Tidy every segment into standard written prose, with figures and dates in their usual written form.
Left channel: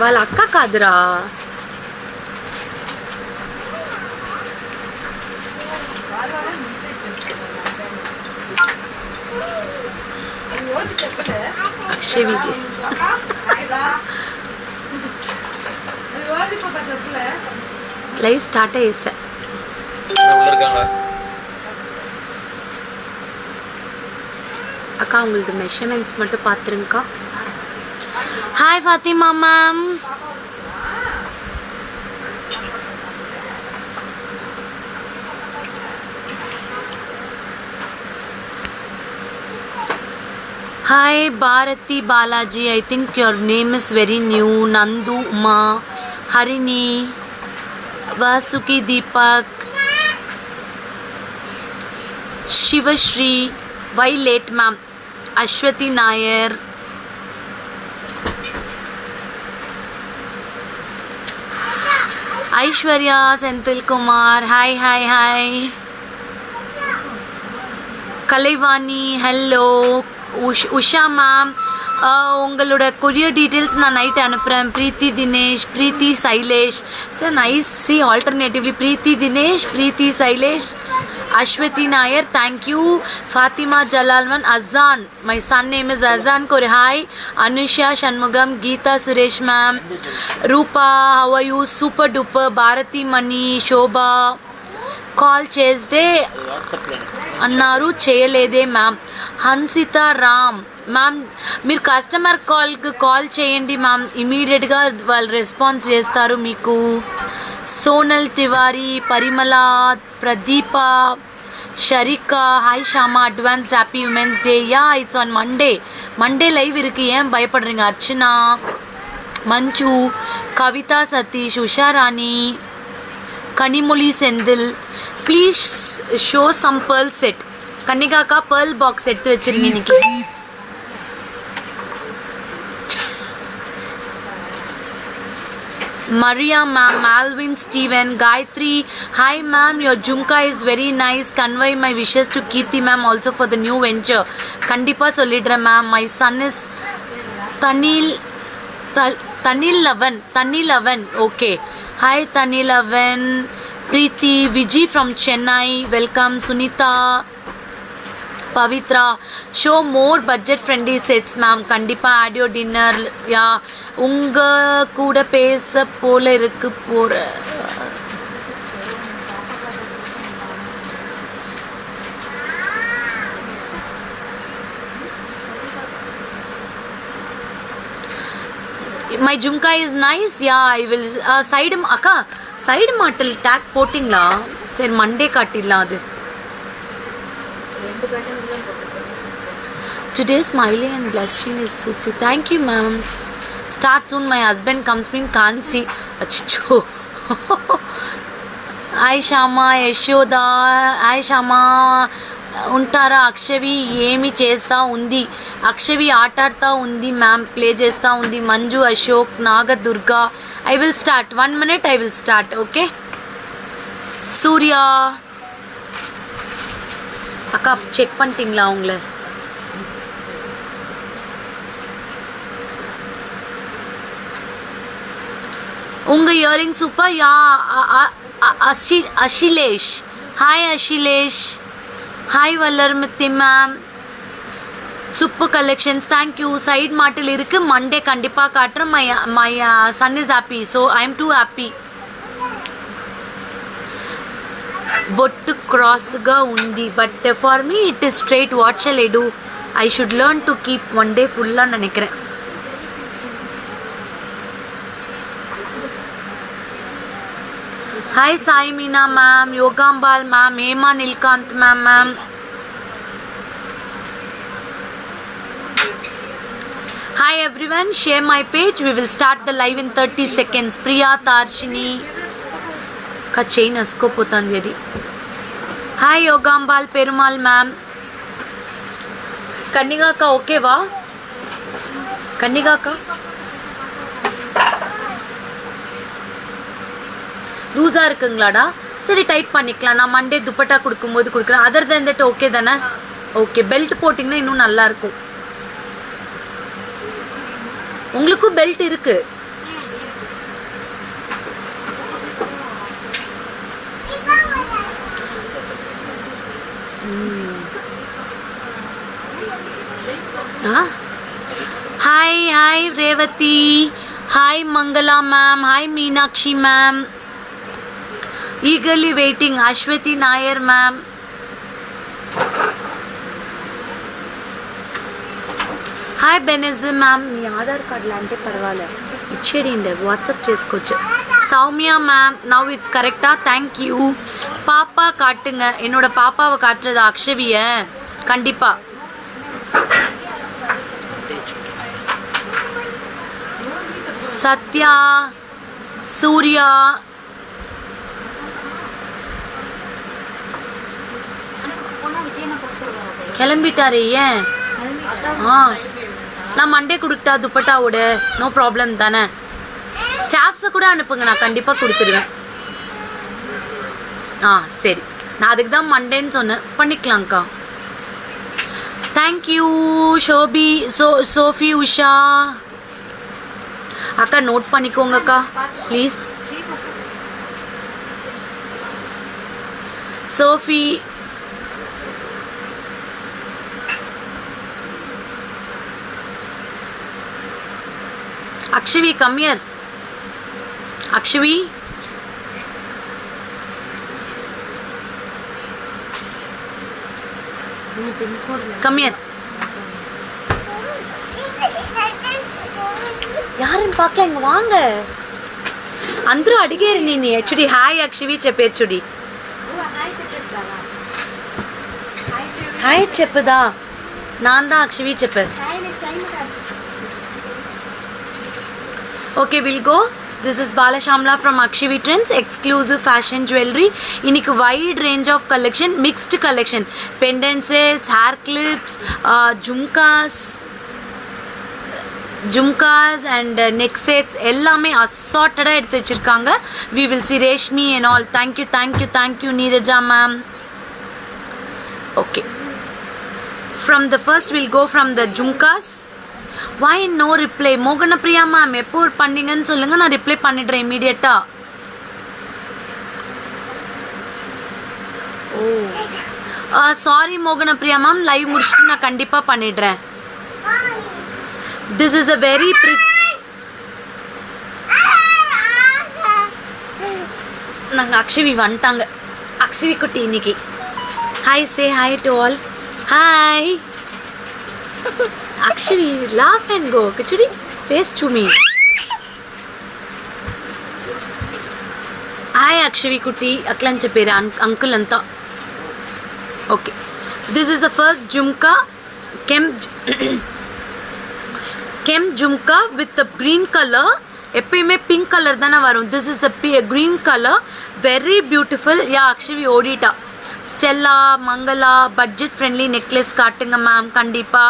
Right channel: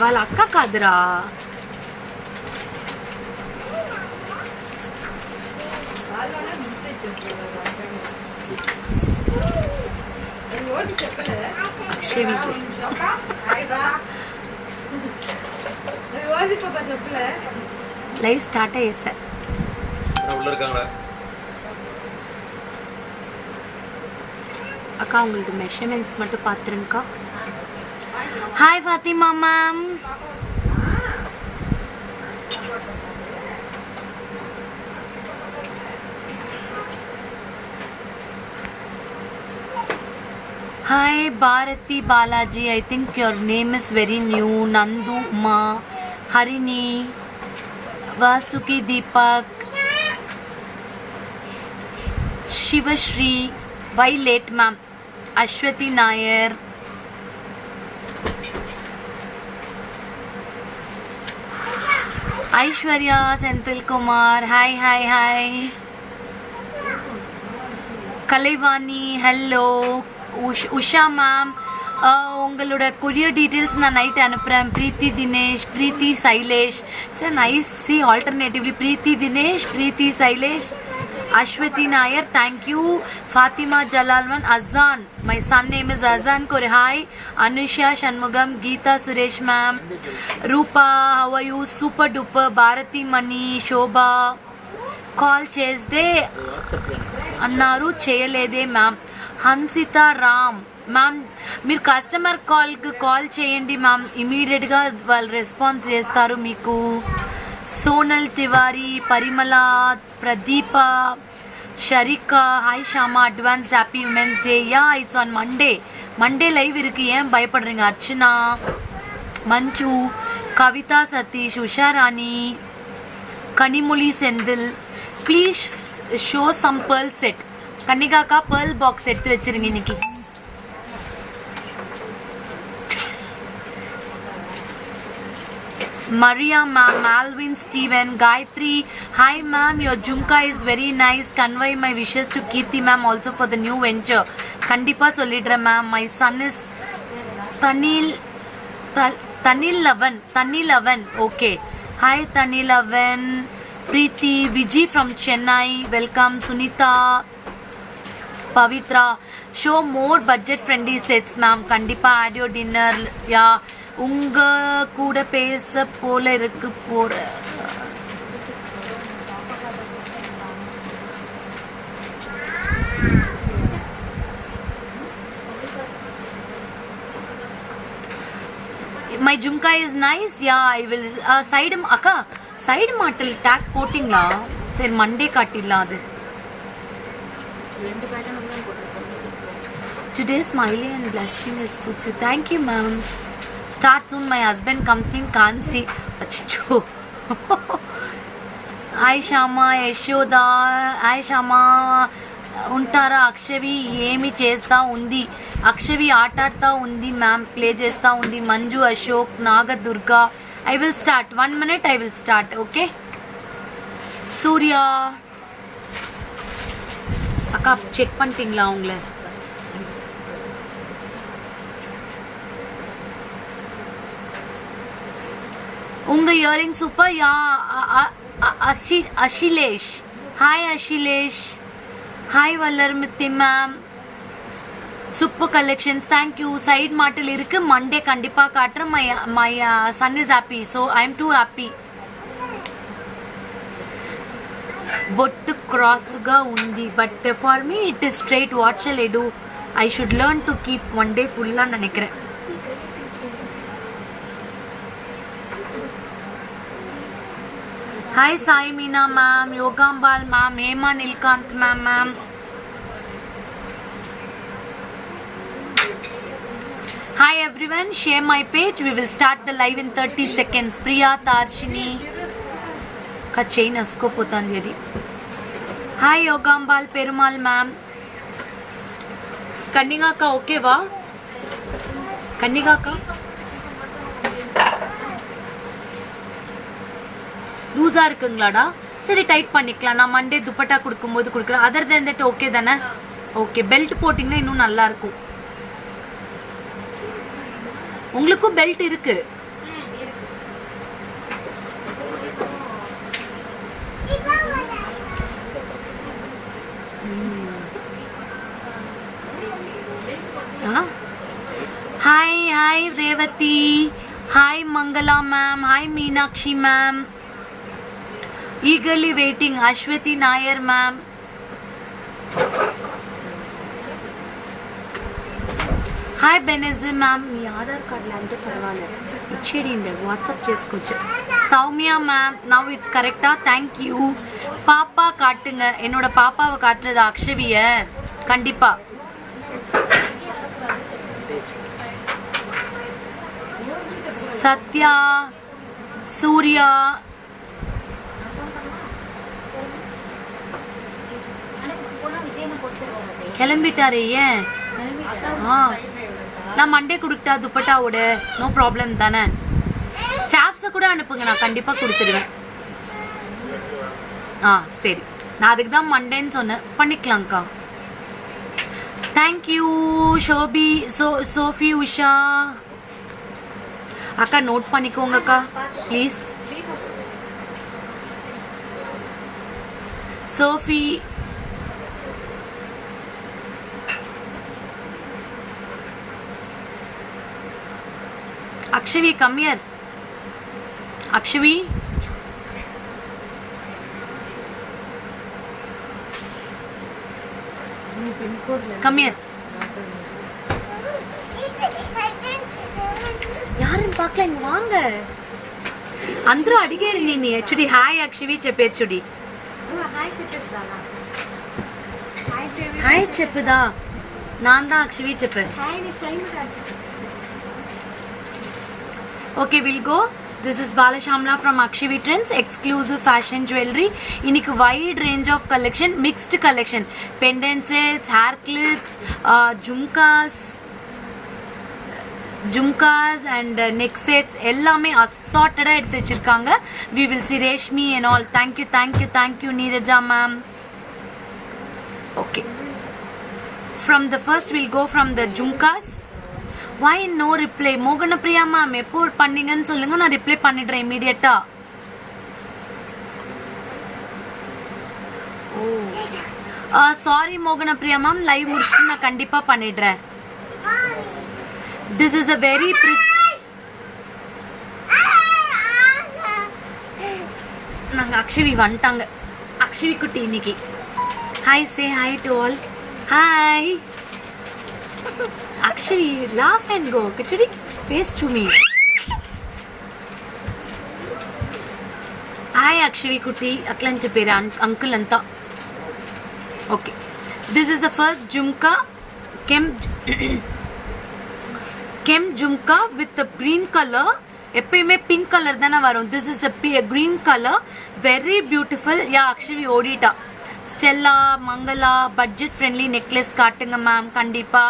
వాళ్ళ అక్క కాదురా. అక్షవికి லைவ் ஸ்டார்ட் ஆயிடுச்சு. அக்கா உங்களது மெஷர்மெண்ட்ஸ் மட்டும் பார்த்துருங்கக்கா. Hi Fathima ma'am. Hi Bharati Balaji, I think your name is very new. Nandu, Uma, Harini, Vasuki Deepak, Shivashri, why late ma'am? Ashwati Nair, Aishwarya Senthil Kumar, hi. Kalaivani, hello. Usha ma'am, உங்களோட courier details நான் night அனுப்புகிறேன். Preethi Dinesh, Preethi Sailesh. Sir nice சி alternatively Preethi Dinesh, Preethi Sailesh, Aswathi Nair, thank you. Fathima ஜலால்வன், Ahsan, my son name is Ahsan கோர், hi. Anusha Shanmugam, Geetha Suresh ma'am, Roopa how are you, super duper. Bharathi Mani, Shobha call చేస్తే అన్నారు చేయలేదే ma'am. Hansitha Ram ma'am, మీరు కస్టమర్ కాల్కి కాల్ చేయండి మ్యామ్, ఇమీడియట్గా వాళ్ళు రెస్పాన్స్ చేస్తారు మీకు. Sonal Tiwari, Parimala, Pradeepa, Sharika, hi Shama, advanced happy women's day. Ya it's on Monday live இருக்குது, ஏன் பயப்படுறீங்க. Archana, Manju, Kavitha Sathish, Usharani, Kanimozhi Senthil, please show some pearl set. கன்னிகாக்கா பேர்ல் பாக்ஸ் எடுத்து வச்சிருங்க இன்னைக்கு. Maria ma'am, Malvin, Steven, Gayatri, hi ma'am, your jumka is very nice. Convey my wishes to Kirti ma'am also for the new venture. Kandipa solidra ma'am. My son is Tanilavan. Okay. Hi Tanilavan. Preeti, Viji from Chennai, welcome. Sunita, Pavitra, show more budget friendly sets ma'am. Kandipa add your dinner. Yeah, உங்க கூட பேச போல இருக்கு போற. My jumka is nice. Yeah, I will side akka side மாட்டல் tag போட்டிங்களா? சரி Monday காட்டிடலாம் அது. Today smiling and blushing is suits you. Thank you ma'am. Start soon, my husband comes in, can't see. Achicho. Hi Shama, Yashoda, hi Shama. ఉంటారా? అక్షవి ఏమి చేస్తా ఉంది? అక్షవి ఆటాడుతూ ఉంది ma'am, play చేస్తూ ఉంది. Manju, Ashok, Nagadurga. I will start 1 minute. I will start. Okay. Surya அக்கா check பண்ணிட்டீங்களா உங்களை? உங்க earring super. Ya Ashilesh, hi Ashilesh. Hi வல்லர்மித்தி ma'am, super collections, thank you. Side மாட்டில் இருக்கு, மண்டே கண்டிப்பாக காட்டுறேன். My son is happy, so I am too happy. బొట్టు క్రాస్గా ఉంది, but for me it is straight. What shall I do? I should learn to keep one day ஃபுல்லாக நினைக்கிறேன். Hi Sai Meena ma'am, Yogambal ma'am, Hema Nilkant ma'am. Hi everyone, share my page. We will start the live in 30 seconds. Priya Tarshini ka chain asko potandi adi. Hi Yogambal Perumal ma'am. Kanniga ka okay va? Kanniga ka லூஸாக இருக்குங்களாடா? சரி tight பண்ணிக்கலாம். நான் Monday dupatta கொடுக்கும்போது கொடுக்குறேன். Other than that okay தானே? Okay. Belt போட்டிங்கன்னா இன்னும் நல்லாயிருக்கும். உங்களுக்கும் பெல்ட் இருக்குது. Hi Revati. Hi Mangala ma'am. Hi Meenakshi ma'am. Eagerly waiting Ashwati Nair ma'am. Hi Benazir ma'am. మీ ఆధార్ కార్డులో అంటే పర్వాలేదు ఇచ్చేయండి వాట్సాప్ చేసుకోవచ్చు. சௌமியா மேம் நவ் இட்ஸ் கரெக்டா? தேங்க்யூ. பாப்பா காட்டுங்க. என்னோட பாப்பாவை காட்டுறது அக்ஷவிய கண்டிப்பா. சத்யா சூர்யா கிளம்பிட்டாரே ஏன்? நான் மண்டே கொடுத்தா துப்பட்டாவோட நோ ப்ராப்ளம் தானே. ஸ்டாஃப்ஸை கூட அனுப்புங்க, நான் கண்டிப்பாக கொடுத்துடுவேன். சரி, நான் அதுக்கு தான் மண்டேன்னு சொன்னேன். பண்ணிக்கலாம்க்கா. தேங்க்யூ ஷோபி சோஃபி உஷா அக்கா நோட் பண்ணிக்கோங்கக்கா ப்ளீஸ். சோஃபி அக்ஷவி கம்மியர். அக்ஷவி கம்மியர். யாருன்னு பார்க்கல, இங்க வாங்க. అందరూ అడిగారు నేను హెచ్డి. హాయ్ అక్షవి చెప్పేచ్చుడి. హాయ్ చెప్పుదా. నాందా అక్షవి చెప్పు. Okay, we'll go. This is Bala Shamla from Akshavi Trends, exclusive fashion jewelry. Inikku wide range of collection, mixed collection, pendant sets, hair clips, jumkas and neck sets ellame assorted ah eduthu vechirukanga. We will see Reshmi and all. Thank you Neeraja ma'am. Okay, from the first we'll go from the jumkas. Why no reply? Mogana Priya ma'am எப்போ பண்ணீங்கன்னு சொல்லுங்க, நான் reply பண்ணிடுறேன் இமீடியட்டா. Sorry மோகன Priya ma'am, live முடிச்சுட்டு நான் கண்டிப்பா பண்ணிடுறேன். This is a very நாங்க அக்ஷவி வந்துட்டாங்க. அக்ஷவி குட்டி இன்னைக்கு hi say hi to all. Hi Akshavi, laugh and go. Kichudi, face to me. Hi Akshavi Kutti, Aklan Chapera, uncle anta. Okay, this is the first jumka, kem jumka with the green color. எப்பயுமே pink color தான வரும். This is the green color, very beautiful. Yeah, Akshavi ஓடிட்டா. Stella, Mangala, budget friendly necklace காட்டுங்க ma'am கண்டிப்பா.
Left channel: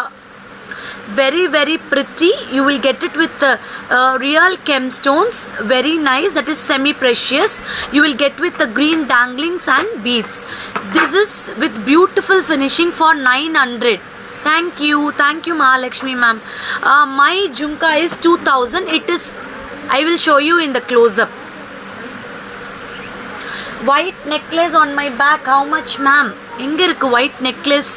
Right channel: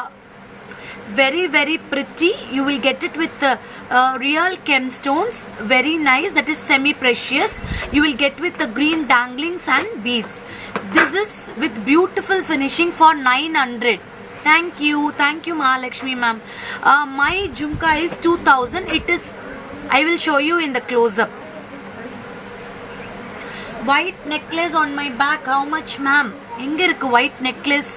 Very pretty. You will get it with real gemstones, very nice. That is semi precious. You will get with the green danglings and beads. This is with beautiful finishing for 900. Thank you Mahalakshmi ma'am. My jhumka is 2000. It is, I will show you in the close up. White necklace on my back, how much ma'am? எங்க இருக்கு white necklace?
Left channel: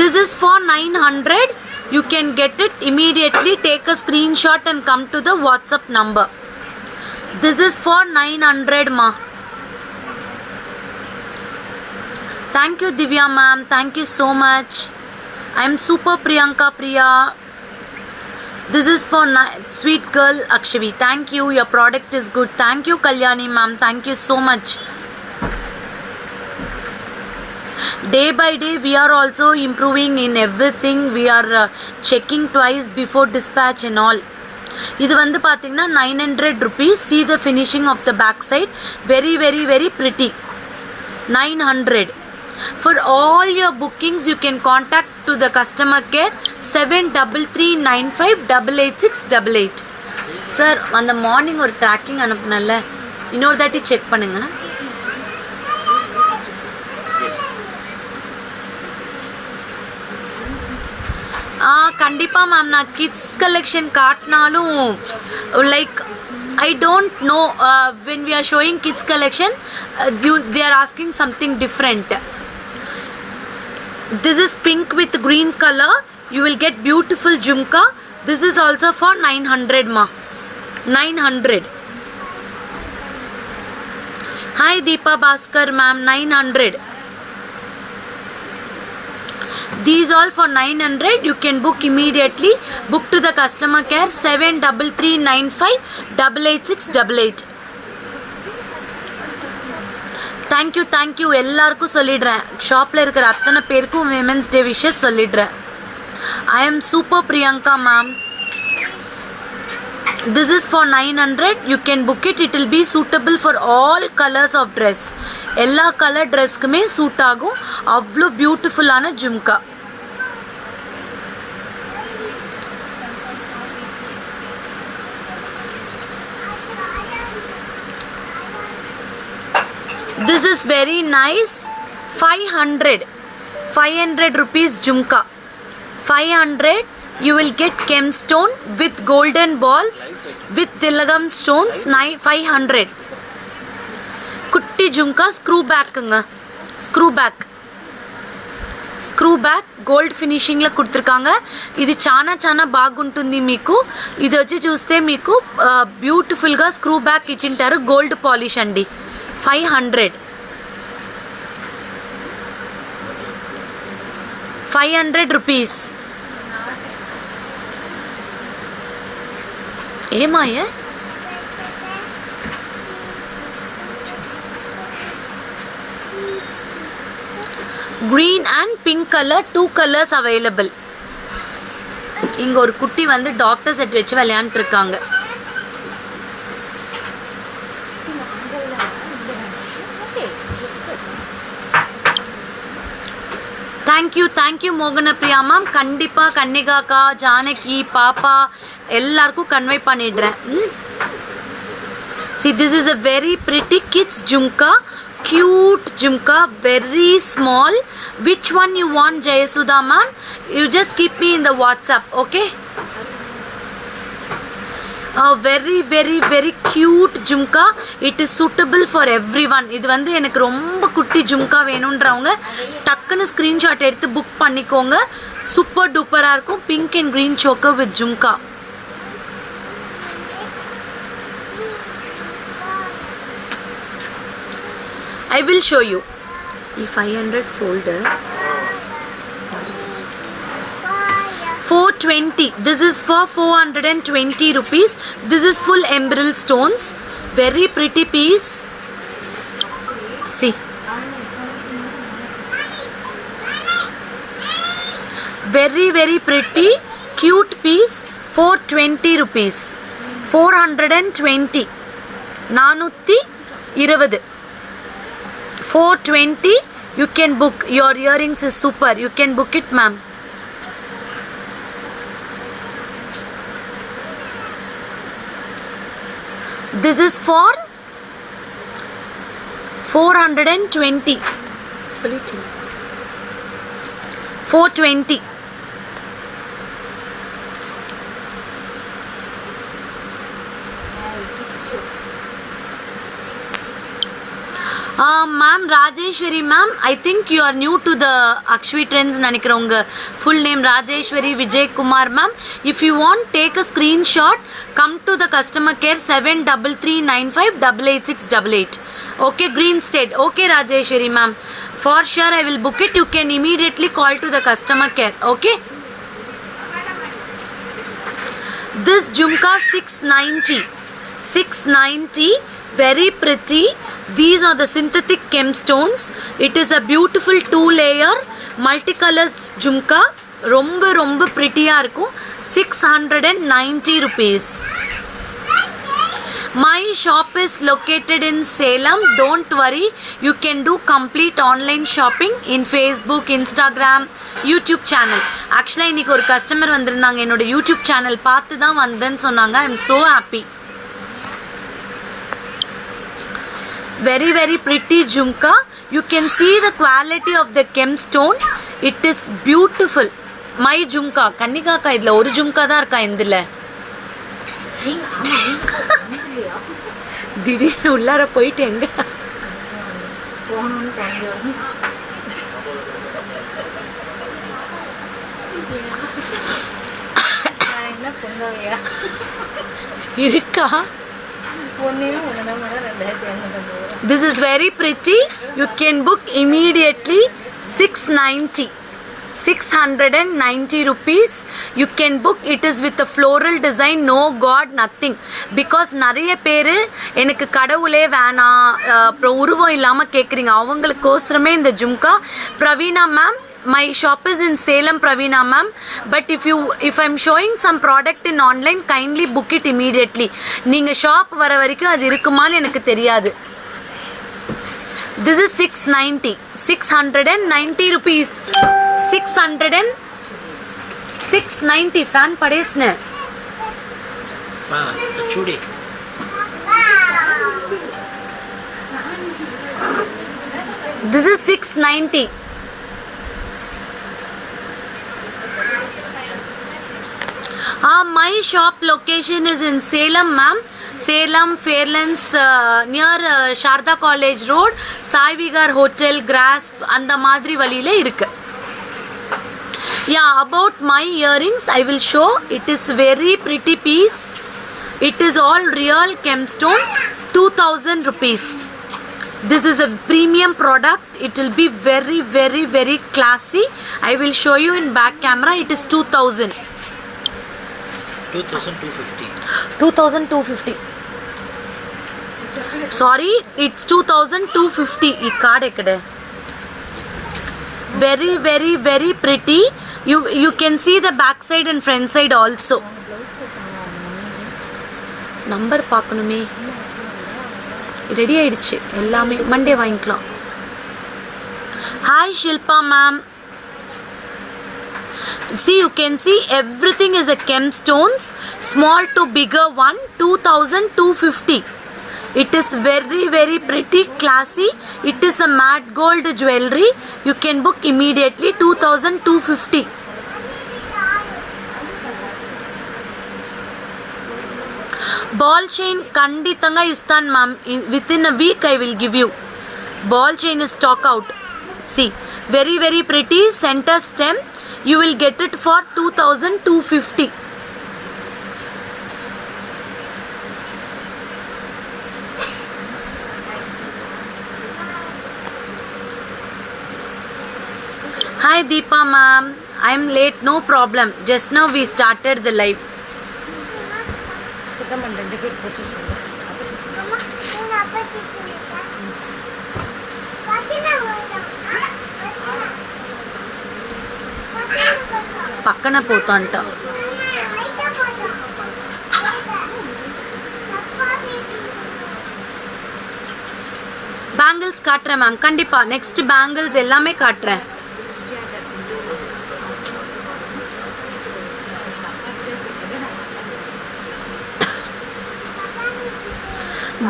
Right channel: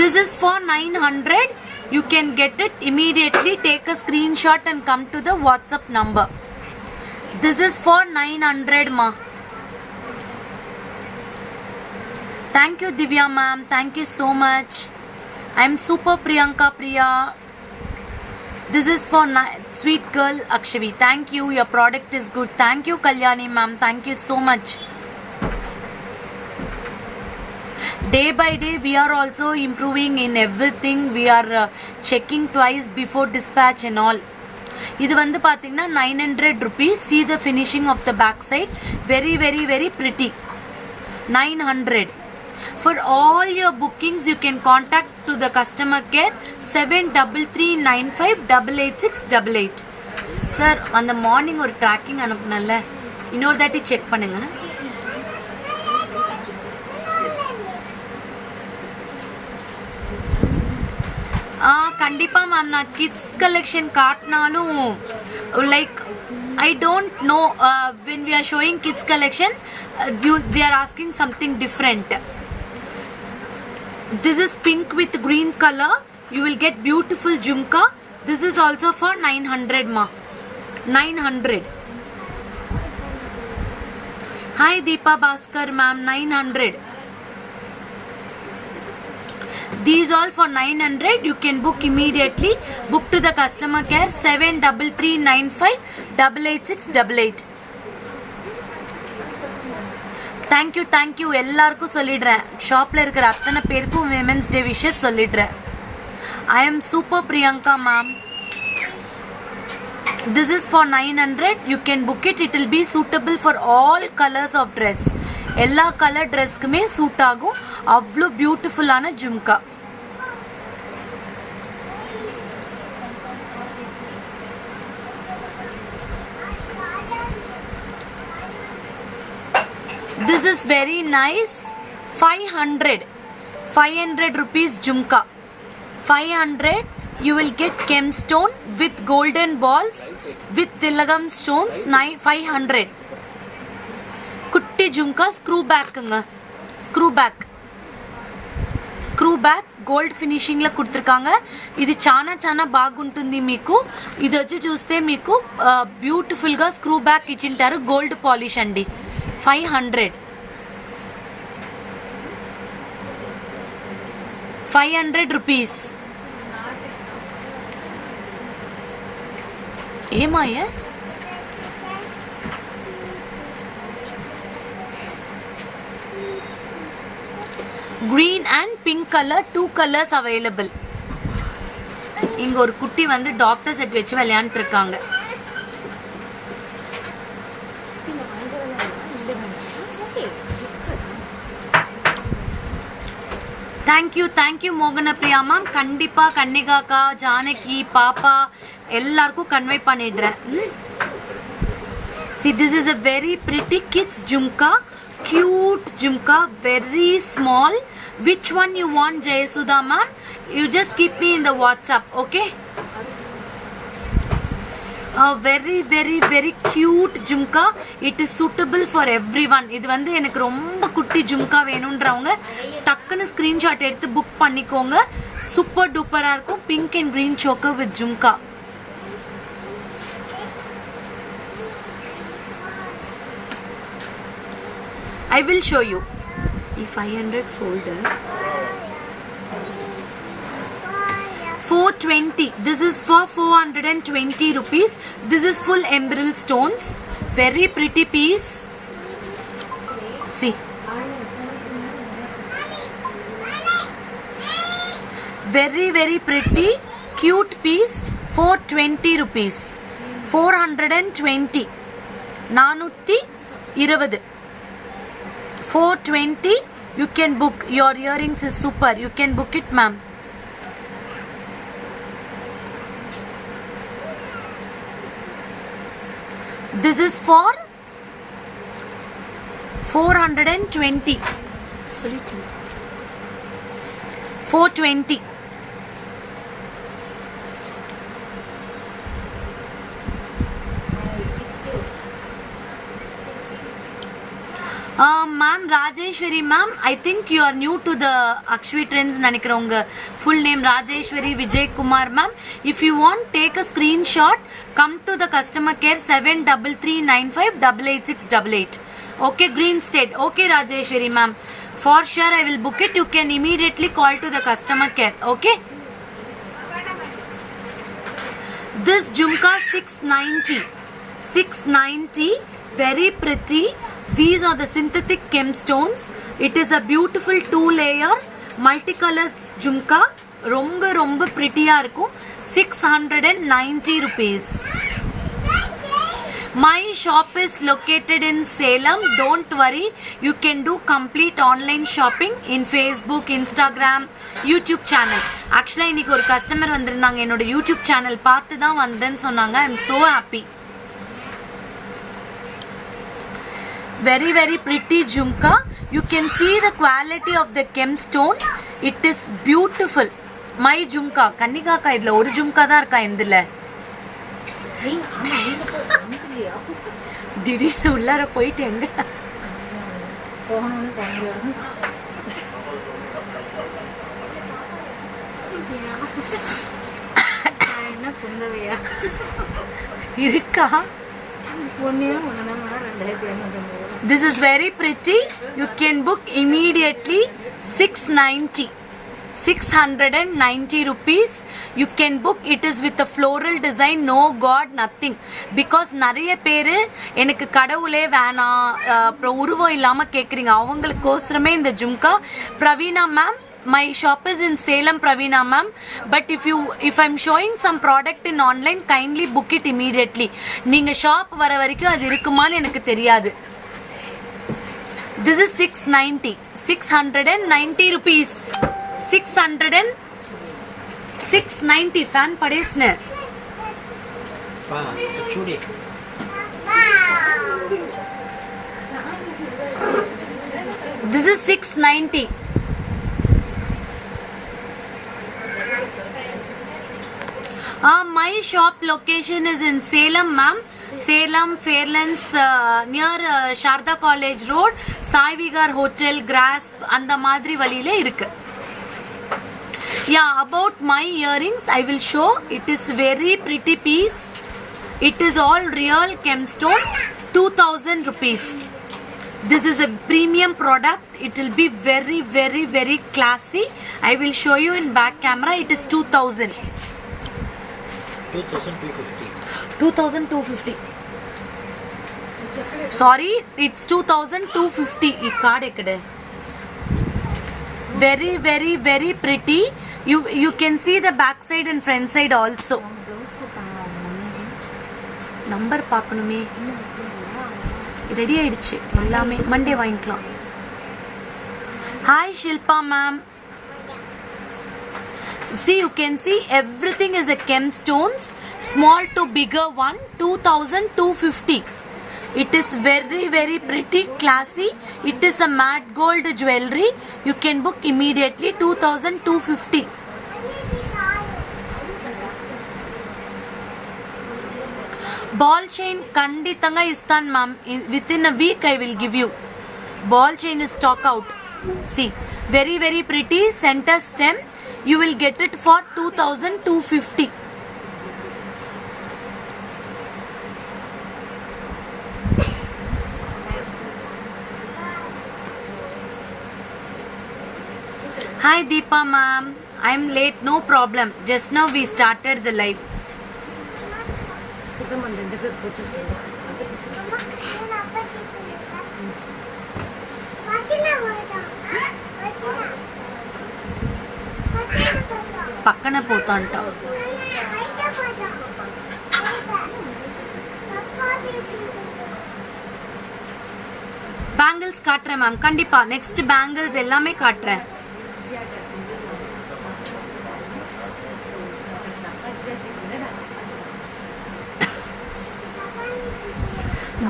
This is for 900. You can get it immediately. Take a screenshot and come to the WhatsApp number. This is for 900 ma. Thank you Divya ma'am. Thank you so much. I am super Priyanka Priya. This is for sweet girl Akshavi. Thank you. Your product is good. Thank you Kalyani ma'am. Thank you so much. Day by day we are also improving in everything. We are checking twice before dispatch and all. இது வந்து பாத்தீங்கன்னா 900 rupees. See the finishing of the back side. Very pretty. 900. For all your bookings you can contact to the customer care 7339588688. Sir, அந்த morning ஒரு tracking அனுப்புனல்ல, இன்னொரு தாட்டி check பண்ணுங்க. கண்டிப்பாக மேம். நான் கிட்ஸ் கலெக்ஷன் காட்டினாலும் like I don't know, when we are showing kids collection, they are asking something different. This is pink with green color. You will get beautiful jhumka. This is also for 900 ma. 900. Hi Deepa Bhaskar ma'am, 900. These all for 900. You can book immediately. Book to the customer care 7339588688. Thank you எல்லாருக்கும் சொல்லிடுறேன். ஷாப்ல இருக்கிற அத்தனை பேருக்கும் women's day wishes சொல்லிடுறேன். I am super Priyanka ma'am. This is for 900. You can book it. It will be suitable for all colors of dress. எல்லா colour ட்ரெஸ்க்குமே suit ஆகும். அவ்வளோ பியூட்டிஃபுல்லான jhumka. This is very nice. 500 rupees jhumka. 500. You will get gemstone with golden balls with tilagam stones. 500. Kutti jhumka screw back anga. Screw back gold finishing la kuduthirukanga. Idi చాలా బాగుంటుంది మీకు. ఇది వచ్చి చూస్తే మీకు బ్యూటిఫుల్ గా స్క్రూ బ్యాక్ ఇచ్చింటారు. గోల్డ్ పాలిష్ అండి. 500. 500 rupees. ఏమాయే green and pink color, 2 colors available. இங்க ஒரு குட்டி வந்து டாக்டர் செட் வச்சு விளையாண்டுட்டு இருக்காங்க. Thank you மோகன பிரியா மேம். கண்டிப்பா கன்னிகாக்கா, ஜானகி, பாப்பா எல்லாருக்கும் கன்வே பண்ணிடுறேன். See, this is a very pretty kids jhumka. Cute jhumka, very small. Which one you want, Jayasudha ma'am? You just keep me in the WhatsApp, okay? Very cute jhumka. It is suitable for everyone. இது வந்து எனக்கு ரொம்ப குட்டி ஜும்கா வேணும்ன்றவங்க டக்குன்னு screenshot எடுத்து book பண்ணிக்கோங்க. Super டூப்பரா இருக்கும். Pink and green choker with jhumka. I will show you. If 500 sold 420. This is for 420 rupees. This is full emerald stones. Very pretty piece. See. Very pretty. Cute piece. 420 rupees. 420. 420. 420. You can book. Your earrings is super. You can book it, ma'am. This is for 420. 420. Ma'am Rajeshwari ma'am, I think you are new to the Akshvi Trends nanikironga. Full name Rajeshwari Vijay Kumar ma'am. If you want, take a screenshot. Come to the customer care 7339588688. Okay, Green State. Okay, Rajeshwari ma'am. For sure I will book it. You can immediately call to the customer care. Okay. This jhumka 690. 690. Very pretty. These are the synthetic gemstones. It is a beautiful 2-layer multicolored jhumka. ரொம்ப pretty-ஆ இருக்கும். 690 rupees. My shop is located in Salem. Don't worry. You can do complete online shopping in Facebook, Instagram, YouTube channel. Actually, இன்னைக்கு ஒரு customer வந்திருந்தாங்க. என்னோட YouTube channel பார்த்து தான் வந்தேன்னு சொன்னாங்க. I am so happy. Very pretty jhumka. You can see the quality of the gemstone. It is beautiful. My jhumka. கன்னிகாக்கா இதுல ஒரு ஜும்கா தான் இருக்கா இந்துல. திடீர்னு உள்ளார போயிட்டு எங்க போகணும்னு போனோம். என்ன பொங்கலையா இருக்கா? ஒன்றையும் ஒன்றுதான் madam 2050. This is very pretty. You can book immediately 690 rupees. You can book. It is with a floral design. No god, nothing. Because நிறைய பேர் எனக்கு கடவுளே வேணாம் அப்புறம் உருவம் இல்லாமல் கேட்குறீங்க. அவங்களுக்கோசரமே இந்த jhumka. Praveena ma'am, my shop is in Salem, Praveena ma'am, but if I'm showing some product in online, kindly book it immediately. நீங்க ஷாப் வர வரைக்கும் அது இருக்குமான்னு எனக்கு தெரியாது. This is 690 rupees. 690 fan padesne pa chudi. This is 690. My shop location is in Salem, ma'am. Salem, Fairlands, near Sharda College Road, Sai Vigar Hotel, Grasp, அந்த மாதிரி வழியில இருக்கு. Yeah, about my earrings, I will show. It is very pretty piece. It is all real gemstone, 2000 rupees. This is a premium product. It will be very, very, very classy. I will show you in back camera. It is 2000. 2250. 2250. Sorry, it's 2250. Ee card ekkade. Very, very, very pretty. You can see the back side and front side also. Number paakanume. Ready ஆயிடுச்சு எல்லாமே. Monday வாங்கிக்கலாம். Hi Shilpa ma'am. See, you can see everything is a gemstones, small to bigger one, 2250. It is very, very pretty, classy. It is a matte gold jewelry. You can book immediately, 2250. Ball chain kandithanga istan ma'am. Within a week I will give you. Ball chain is stock out. See, very, very pretty, center stem. You will get it for 2250. Hi Deepa ma'am, I am late, no problem. Just now we started the live. పక్కన పోతాంట. Bangles காட்டுறேன் ma'am, கண்டிப்பா next bangles எல்லாமே காட்டுறேன்.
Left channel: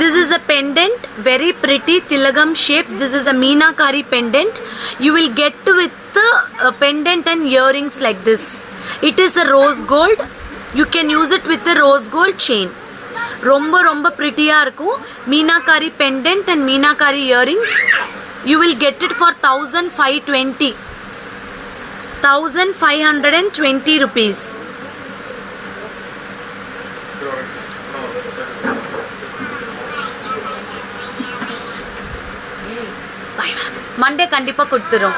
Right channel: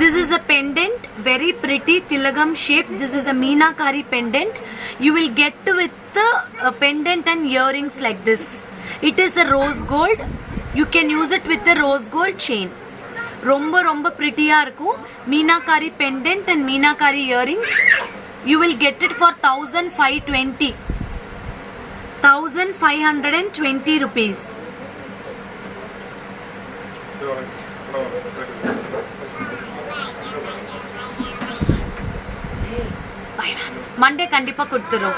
This is a pendant, very pretty tilagam shape. This is a meenakari pendant. You will get with the pendant and earrings like this. It is a rose gold. You can use it with the rose gold chain. Romba romba pretty ah irukum. Meenakari pendant and meenakari earrings. You will get it for 1520. 1520 rupees. Monday கண்டிப்பா கொடுத்துறோம்.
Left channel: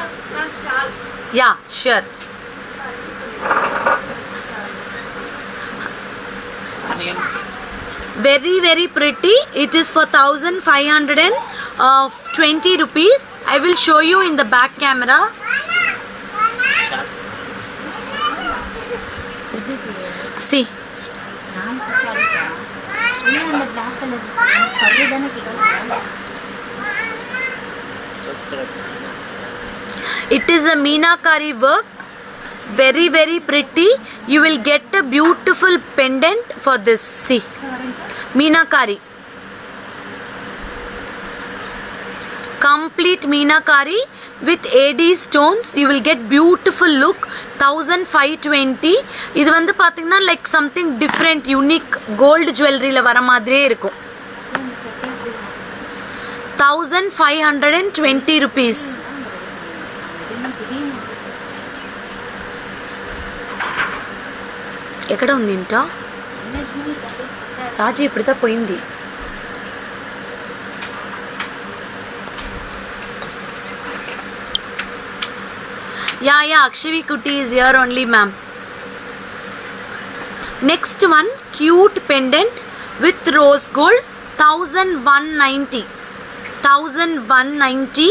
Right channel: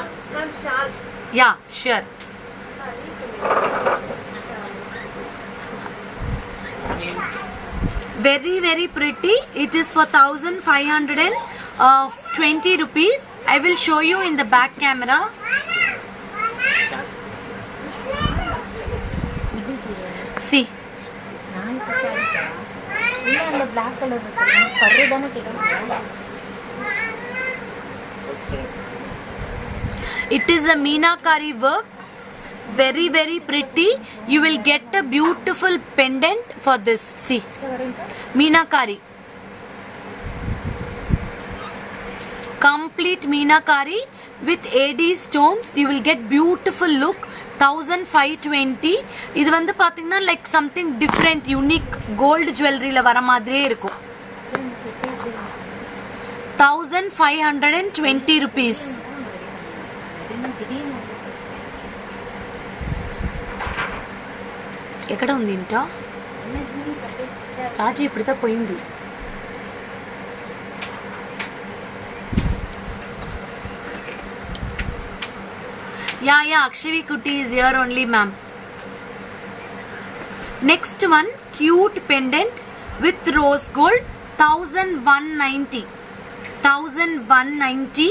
Yeah, sure. Very, very pretty. It is for 1520 rupees. I will show you in the back camera. See. It is a meenakari work, very, very pretty. You will get a beautiful pendant for this. See, meenakari. complete meenakari with AD stones. You will get beautiful look. 1520. இது வந்து பாத்தீங்கன்னா like something different, unique gold jewelry ல வர மாதிரியே இருக்கும். 1520 rupees. ఎక్కడ ఉంది ఇంట రాజీ ఇప్పుడుతా పోయింది. Yeah, Akshavi Kutti is here only, ma'am. Next one, cute pendant with rose gold, 1190. 1190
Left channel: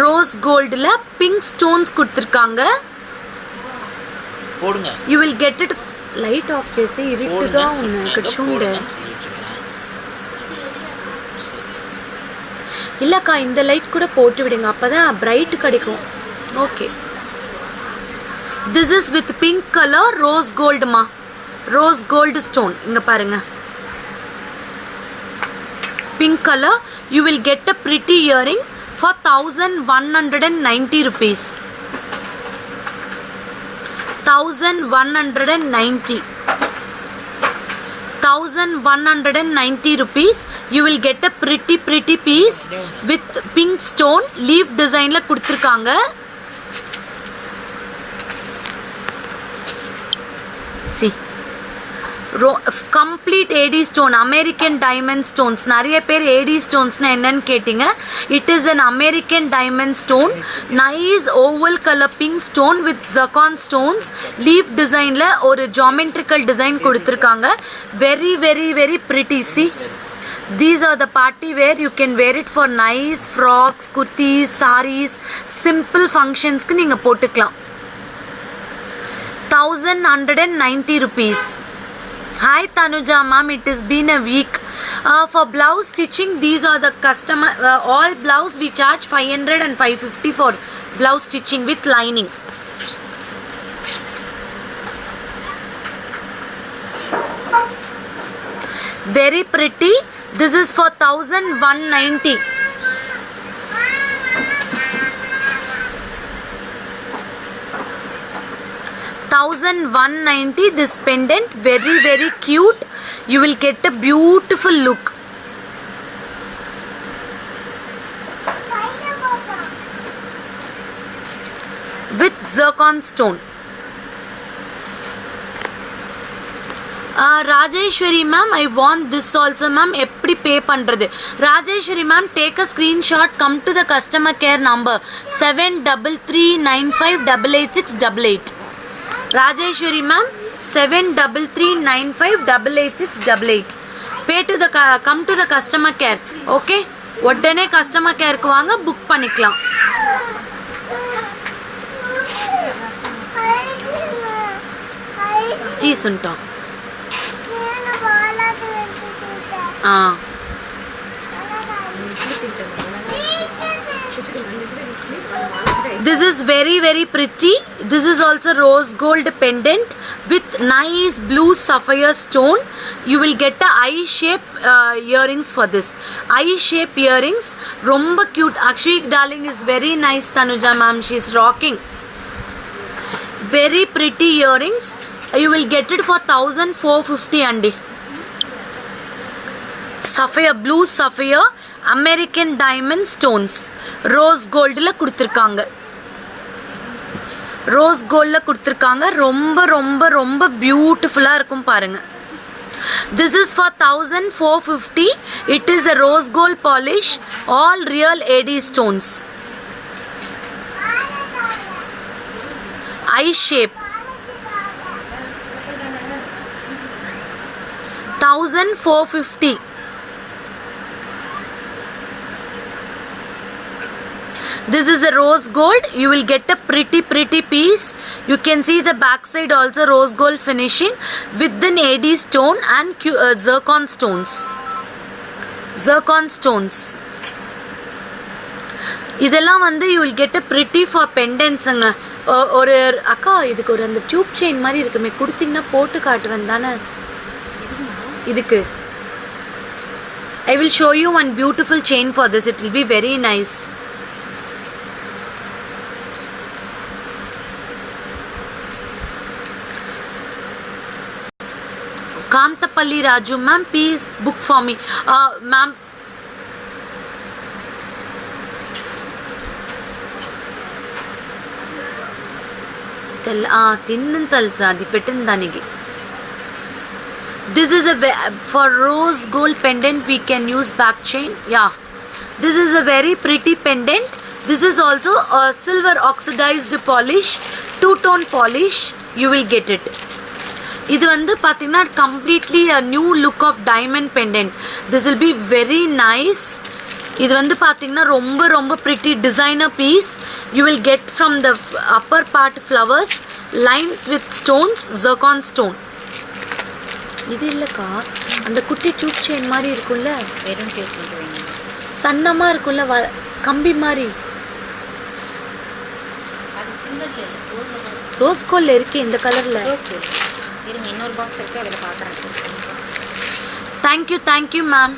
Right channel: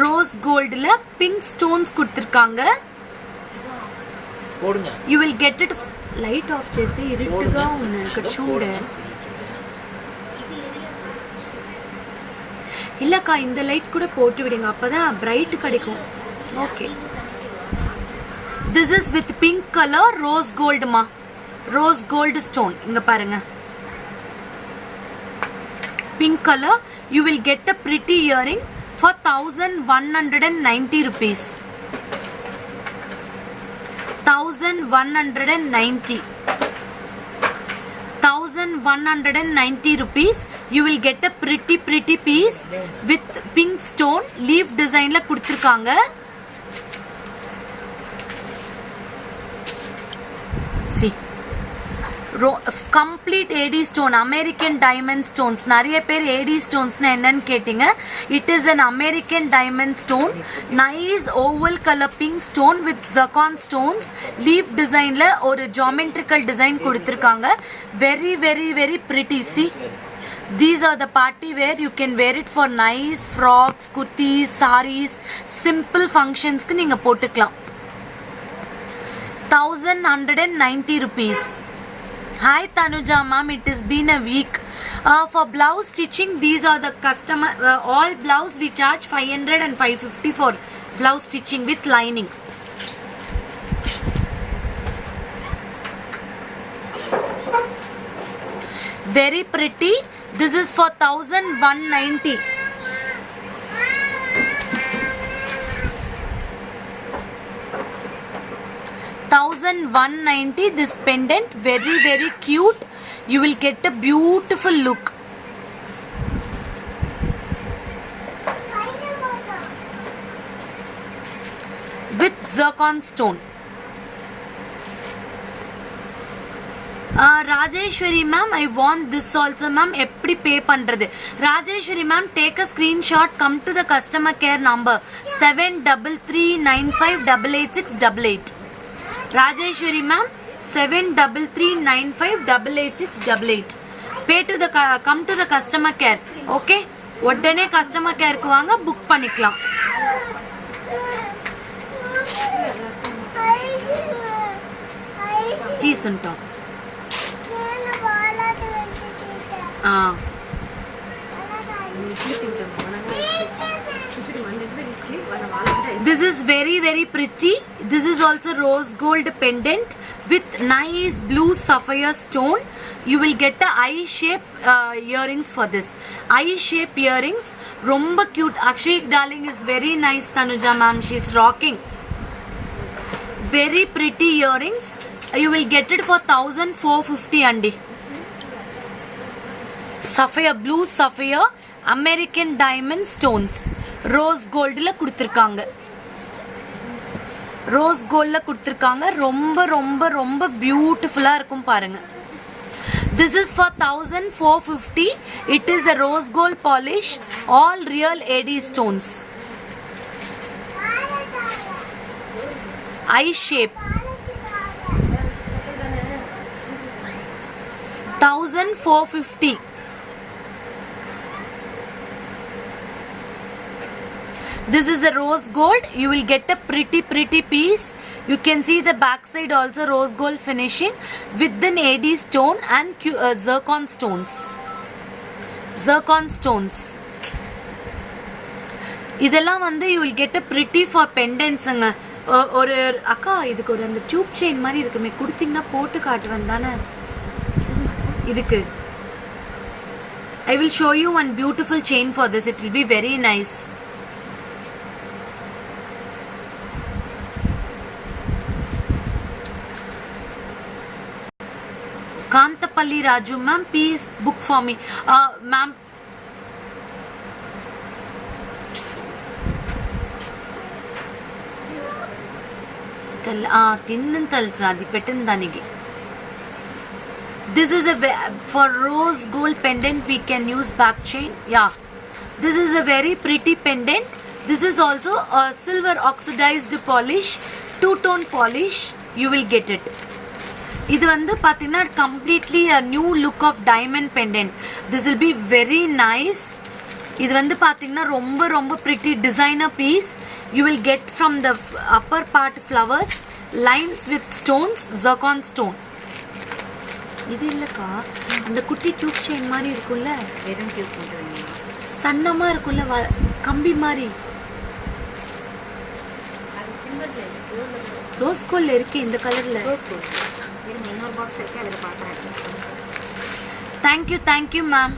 rose gold la pink stones கொடுத்திருக்காங்க. போடுங்க. You will get it. Light off చేస్తే ఇరుట్టుగా ఉన్నాయి ఇక్కడ చూడండి. இல்லக்கா இந்த லைட் கூட போட்டு விடுங்க, அப்பதான் பிரைட் கிடைக்கும். Okay. This is with pink color rose gold ma. Rose gold stone. இங்க பாருங்க. Pink color. You will get a pretty earring for 1190 rupees. 1190. 1190 rupees. You will get a pretty piece with pink stone leaf design la கொடுத்திருக்காங்க. See, complete AD stone, American diamond stones. நிறைய பேர் AD stones na என்னன்னு கேட்டிங்க. It is an American diamond stone, nice oval color pink stone with zircon stones, leaf design la ஒரு geometrical design கொடுத்திருக்காங்க. Very pretty. See, these are the party wear. You can wear it for nice frocks, kurtis, sarees, simple functions க்கு நீங்க போட்டுக்கலாம். 1190 rupees. Hi Tanuja ma'am, it has been a week. For blouse stitching, these are the customer all blouse we charge 500 and 550 for blouse stitching with lining. Very pretty. This is for 1190. $1190. This pendant very cute. You will get a beautiful look. With zircon stone. Rajeshwari ma'am, I want this also ma'am. எப்படி pay பண்றது? Rajeshwari ma'am, take a screenshot, come to the customer care number 7339588688. Rajeshwari ma'am, 7339588688. Pay to the come to the customer care. Okay, உடனே customer care க்கு வாங்க, book பண்ணிக்கலாம். जी सुनता This is very pretty. This is also rose gold pendant with nice blue sapphire stone. You will get a eye shape earrings for this. Eye shape earrings, romba cute. Akshvi darling is very nice. Tanuja ma'am, she is rocking. Very pretty earrings. You will get it for 1450 andi. Sapphire, blue sapphire, American diamond stones. Rose gold la kuduthirukanga. Rose gold la kuduthirukanga. ரொம்ப beautiful ah irukum parunga. This is for 1450. It is a rose gold polish, all real AD stones. Eye shape. 1450. This is a rose gold. You will get a pretty piece. You can see the back side also rose gold finishing with an AD stone and zircon stones. Zircon stones. இதெல்லாம் வந்து you will get a pretty for pendantsங்க. ஒரு அக்கா இதுக்கு ஒரு அந்த tube chain மாதிரி இருக்குமே, கொடுத்தீங்கன்னா போட்டு காட்டுவேன் தானே இதுக்கு. I will show you one beautiful chain for this. It will be very nice. Kantapalli Raju ma'am, please book for me. Ma'am, తిన్నంతలు అది పెట్టిన దానికి. This is for rose gold pendant we can use back chain. Yeah, this is a very pretty pendant. This is also a silver oxidized polish, two-tone polish. You will get it. இது வந்து பார்த்தீங்கன்னா completely a new look of diamond pendant. This will be very nice. இது வந்து பார்த்தீங்கன்னா ரொம்ப ரொம்ப pretty designer piece. You will get from the upper part flowers, lines with stones, zircon stone. இது இல்லைக்கா, அந்த குட்டி டியூப் செயின் மாதிரி இருக்குல்ல, வெறும் டியூப் மட்டும் சன்னமாக இருக்குல்ல, கம்பி மாதிரி. அது சிங்கிள் இல்லை, கோல்டில் ரோஸ் கோல்டில் இருக்கு இந்த கலரில். ரோஸ் கோல்டு இருங்க, இன்னொரு பாக்ஸ் இருக்குது, அதில் பார்க்குறேன். Thank you ma'am.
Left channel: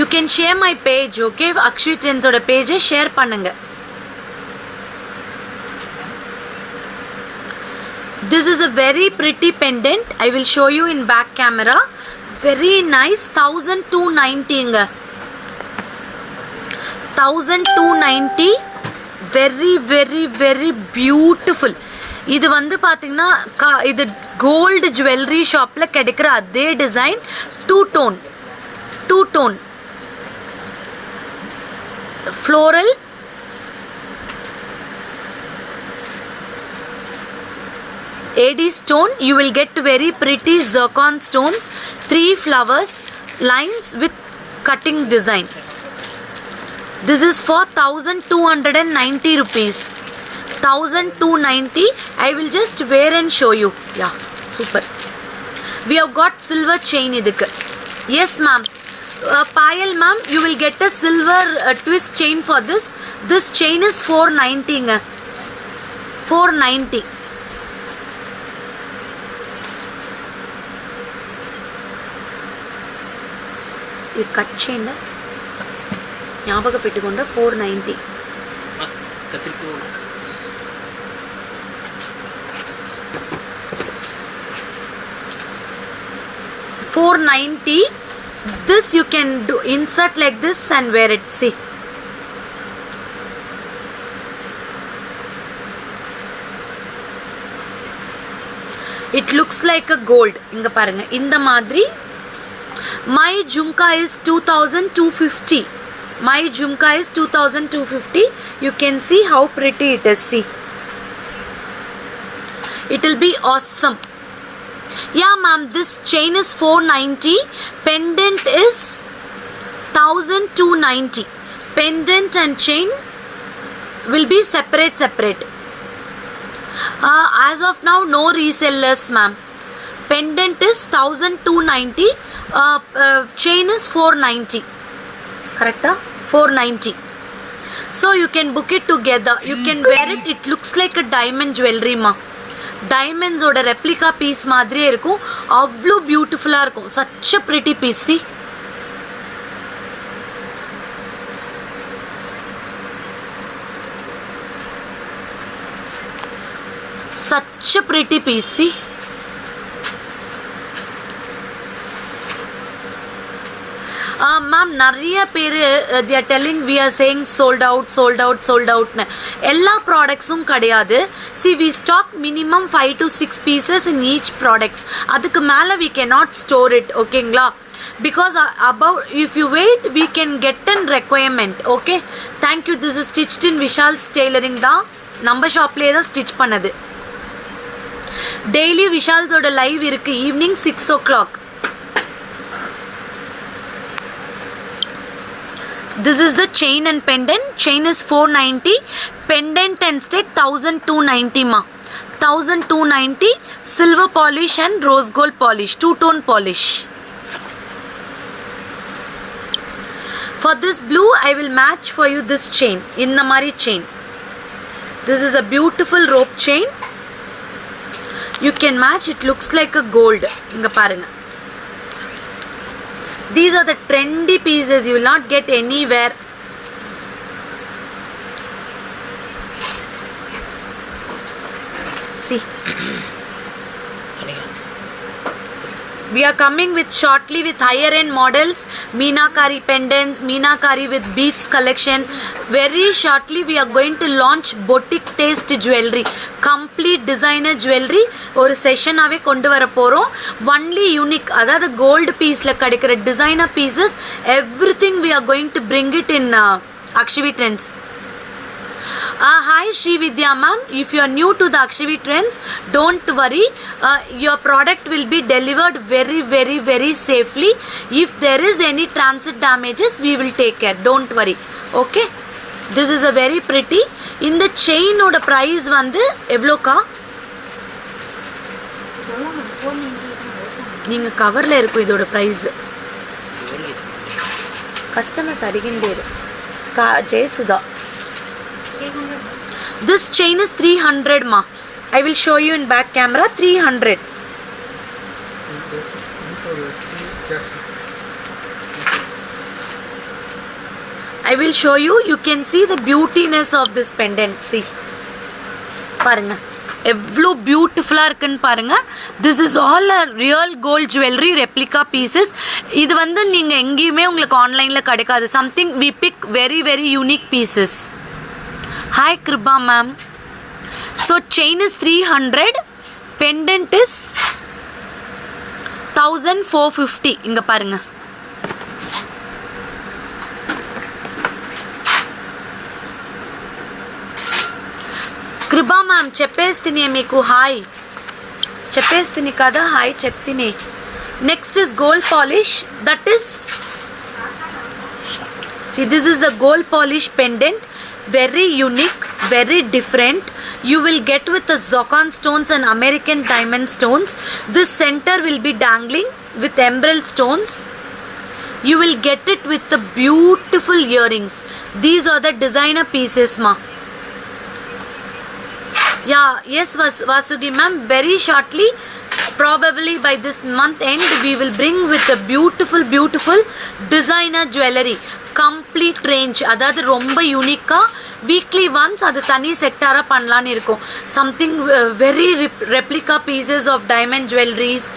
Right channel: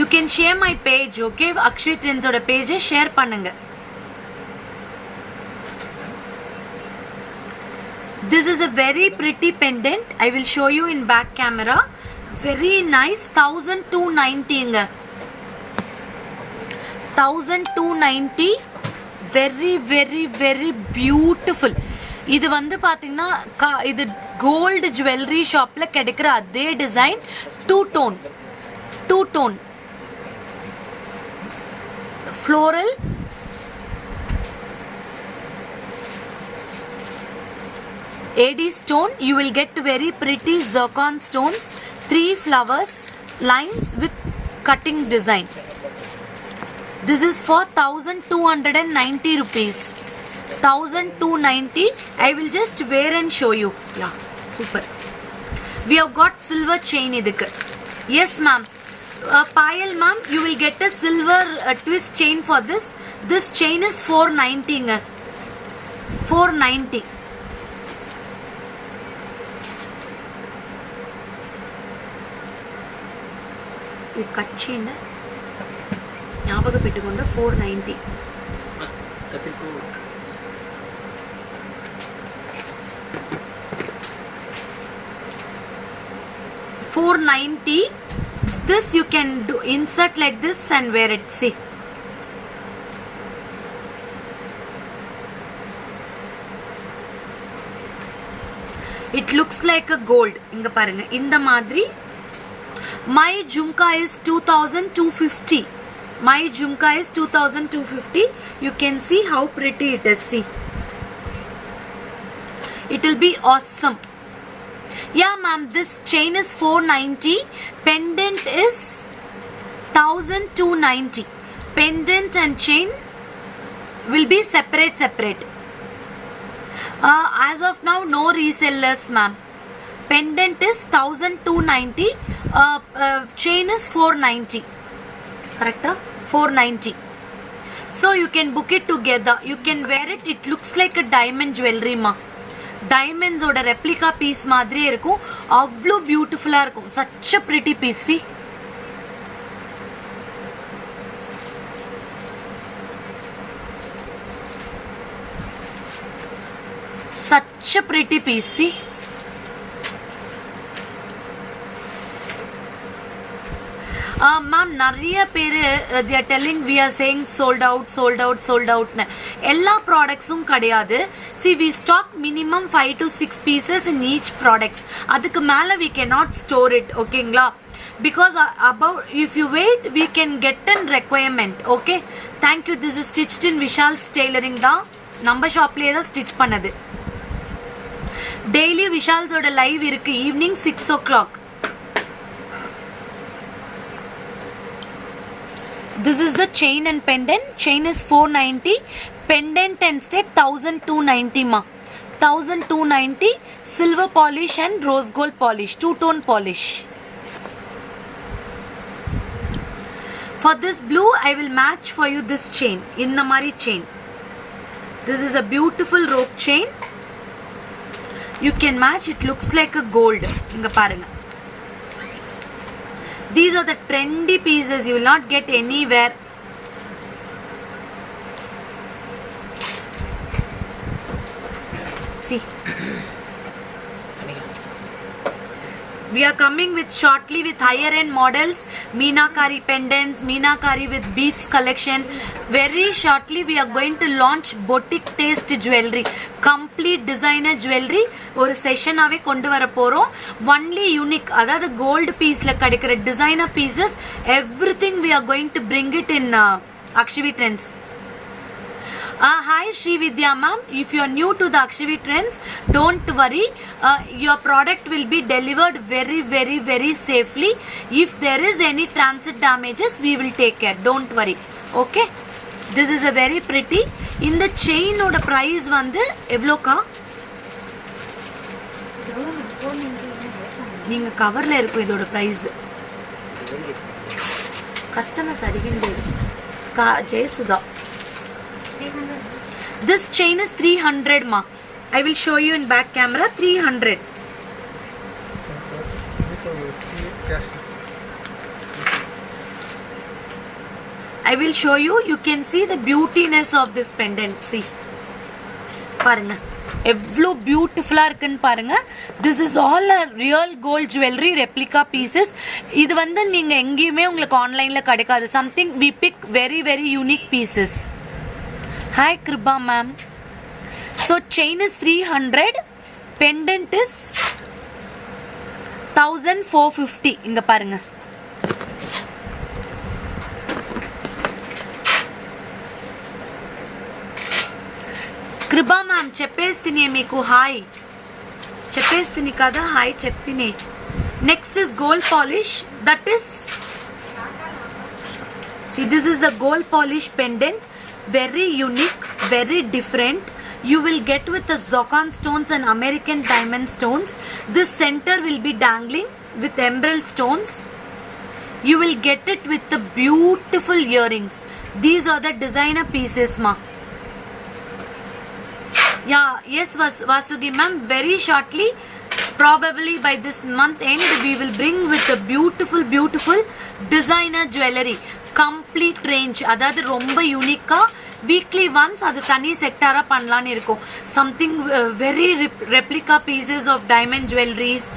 You can share my page, okay? Akshvi Trends oda page share பண்ணுங்க. This is a very pretty pendant. I will show you in back camera. Very nice. 1290 ங்க. 1290. Very very very beautiful. இது வந்து பாத்தீங்கன்னா இது gold jewellery ஷாப்ல கிடைக்கிற அதே design, two tone floral, AD stone. You will get very pretty zircon stones, 3 flowers, lines with cutting design. This is for 1290 rupees. 1290. I will just wear and show you. Yeah, super. We have got silver chain idukku. Yes ma'am. Payal ma'am, you will get a silver twist chain for this. This chain is 490 nga. 490. This cut chain ஞாபகப்பட்டுக்கொண்ட 490. கத்திரிப்பூ 490. This you can do insert like this and wear it. See, it looks like a gold. inga parunga inda madri. My jhumka is 2250. My jhumka is 2250. You can see how pretty it is. See, it will be awesome. Yeah ma'am, this chain is 490. Pendant is 1290. Pendant and chain will be separate. As of now, no resellers ma'am. Pendant is 1290. Chain is 490. Correct? 490. So you can book it together. You can wear it. It looks like a diamond jewelry ma. Diamonds oda replica piece மாதிரி இருக்கும். அவ்வளோ பியூட்டிஃபுல்லாக இருக்கும். Such a pretty piece. See? Such a pretty piece. See? Ma'am, நிறைய பேர் they are telling we are saying sold out னு. எல்லா ப்ராடக்ட்ஸும் கிடையாது. See, we stock minimum 5 to 6 pieces in each products. அதுக்கு மேலே we cannot store it. ஓகேங்களா? Because about if you wait we can get an requirement. Okay? Thank you. This is stitched in Vishal's tailoring தான். நம்ம ஷாப்லேயே தான் stitch பண்ணது. Daily விஷால்ஸோட live இருக்கு evening 6 o'clock. This is the chain and pendant. Chain is 490. Pendant and state 1290 ma. 1290. Silver polish and rose gold polish. Two-tone polish. For this blue, I will match for you this chain. Innamari chain. This is a beautiful rope chain. You can match. It looks like a gold. Inga parunga. These are the trendy pieces. You will not get anywhere. see. We are coming with shortly with higher end models, Meenakari pendants, Meenakari with beads collection. Very shortly we are going to launch boutique taste jewelry, complete designer jewelry. ஒரு செஷனாவே கொண்டு வர போறோம். Only unique, அதாவது gold pieceல கிடைக்கிற designer pieces, everything we are going to bring it in Akshavi Trends. Hi Sri Vidya ma'am, if you are new to the Akshavi Trends, don't worry, your product will be delivered very safely. If there is any transit damages, we will take care, don't worry. Okay, this is a very pretty. இந்த செயினோட price வந்து எவ்வளோக்கா? நீங்க கவர்ல இருக்கும் இதோட price. Customers அடிக்கின்றேரு Jayasudha. This chain is 300 ma. I will show you in back camera. 300. I will show you. You can see the beautiness of this pendant. See, பாருங்க எவ்வளோ பியூட்டிஃபுல்லாக இருக்குன்னு பாருங்க. This is all a real gold jewellery replica pieces. இது வந்து நீங்கள் எங்கேயுமே உங்களுக்கு ஆன்லைனில் கிடைக்காது. Something we pick very unique pieces. Hi Kriba ma'am. So chain is 300, pendant is 1450. இங்க பாருங்க. Kriba ma'am చెప్పేస్తిని మీకు హాయ్. చెప్పేస్తిని కదా hi చెప్తిని. Next is gold polish, that is, see this is the gold polish pendant. Very unique, very different. You will get with the zircon stones and American diamond stones. This center will be dangling with emerald stones. You will get it with the beautiful earrings. These are the designer pieces ma. Yeah, yes Vasugi ma'am, very shortly, probably by this month end, we will bring with the beautiful designer jewelry. Complete range, அதாவது ரொம்ப யூனிக்காக weekly once அது தனி செக்டாராக பண்ணலான்னு இருக்கும். Something very replica pieces of diamond jewelleries,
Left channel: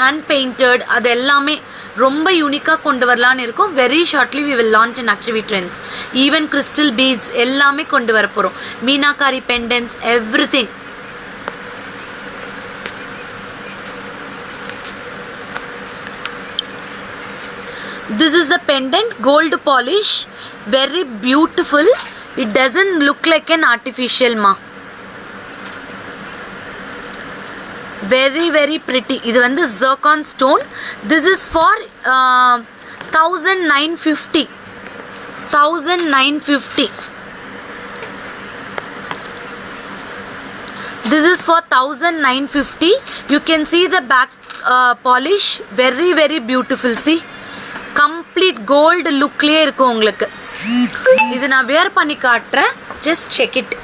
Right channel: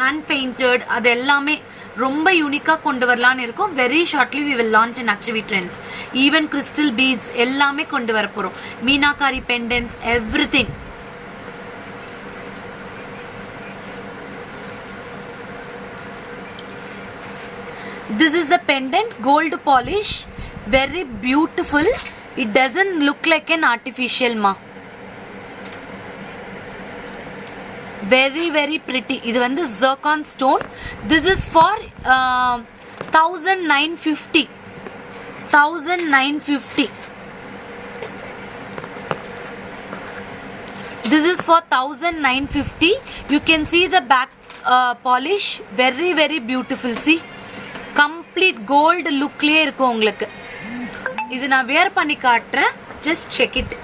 hand painted, அது எல்லாமே ரொம்ப யூனிக்காக கொண்டு வரலான்னு இருக்கும். Very shortly we will launch in Akshavi Trends. Even crystal beads எல்லாமே கொண்டு வர போகிறோம். Meenakari pendants, everything. This is the pendant, gold polish, very beautiful. It doesn't look like an artificial ma. Very pretty. இது வந்து zircon stone. This is for 1950. 1950. This is for 1950. You can see the back polish, very beautiful. See, complete gold லுக்லேயே இருக்கும் உங்களுக்கு. இது நான் wear பண்ணி காட்டுறேன், just check it.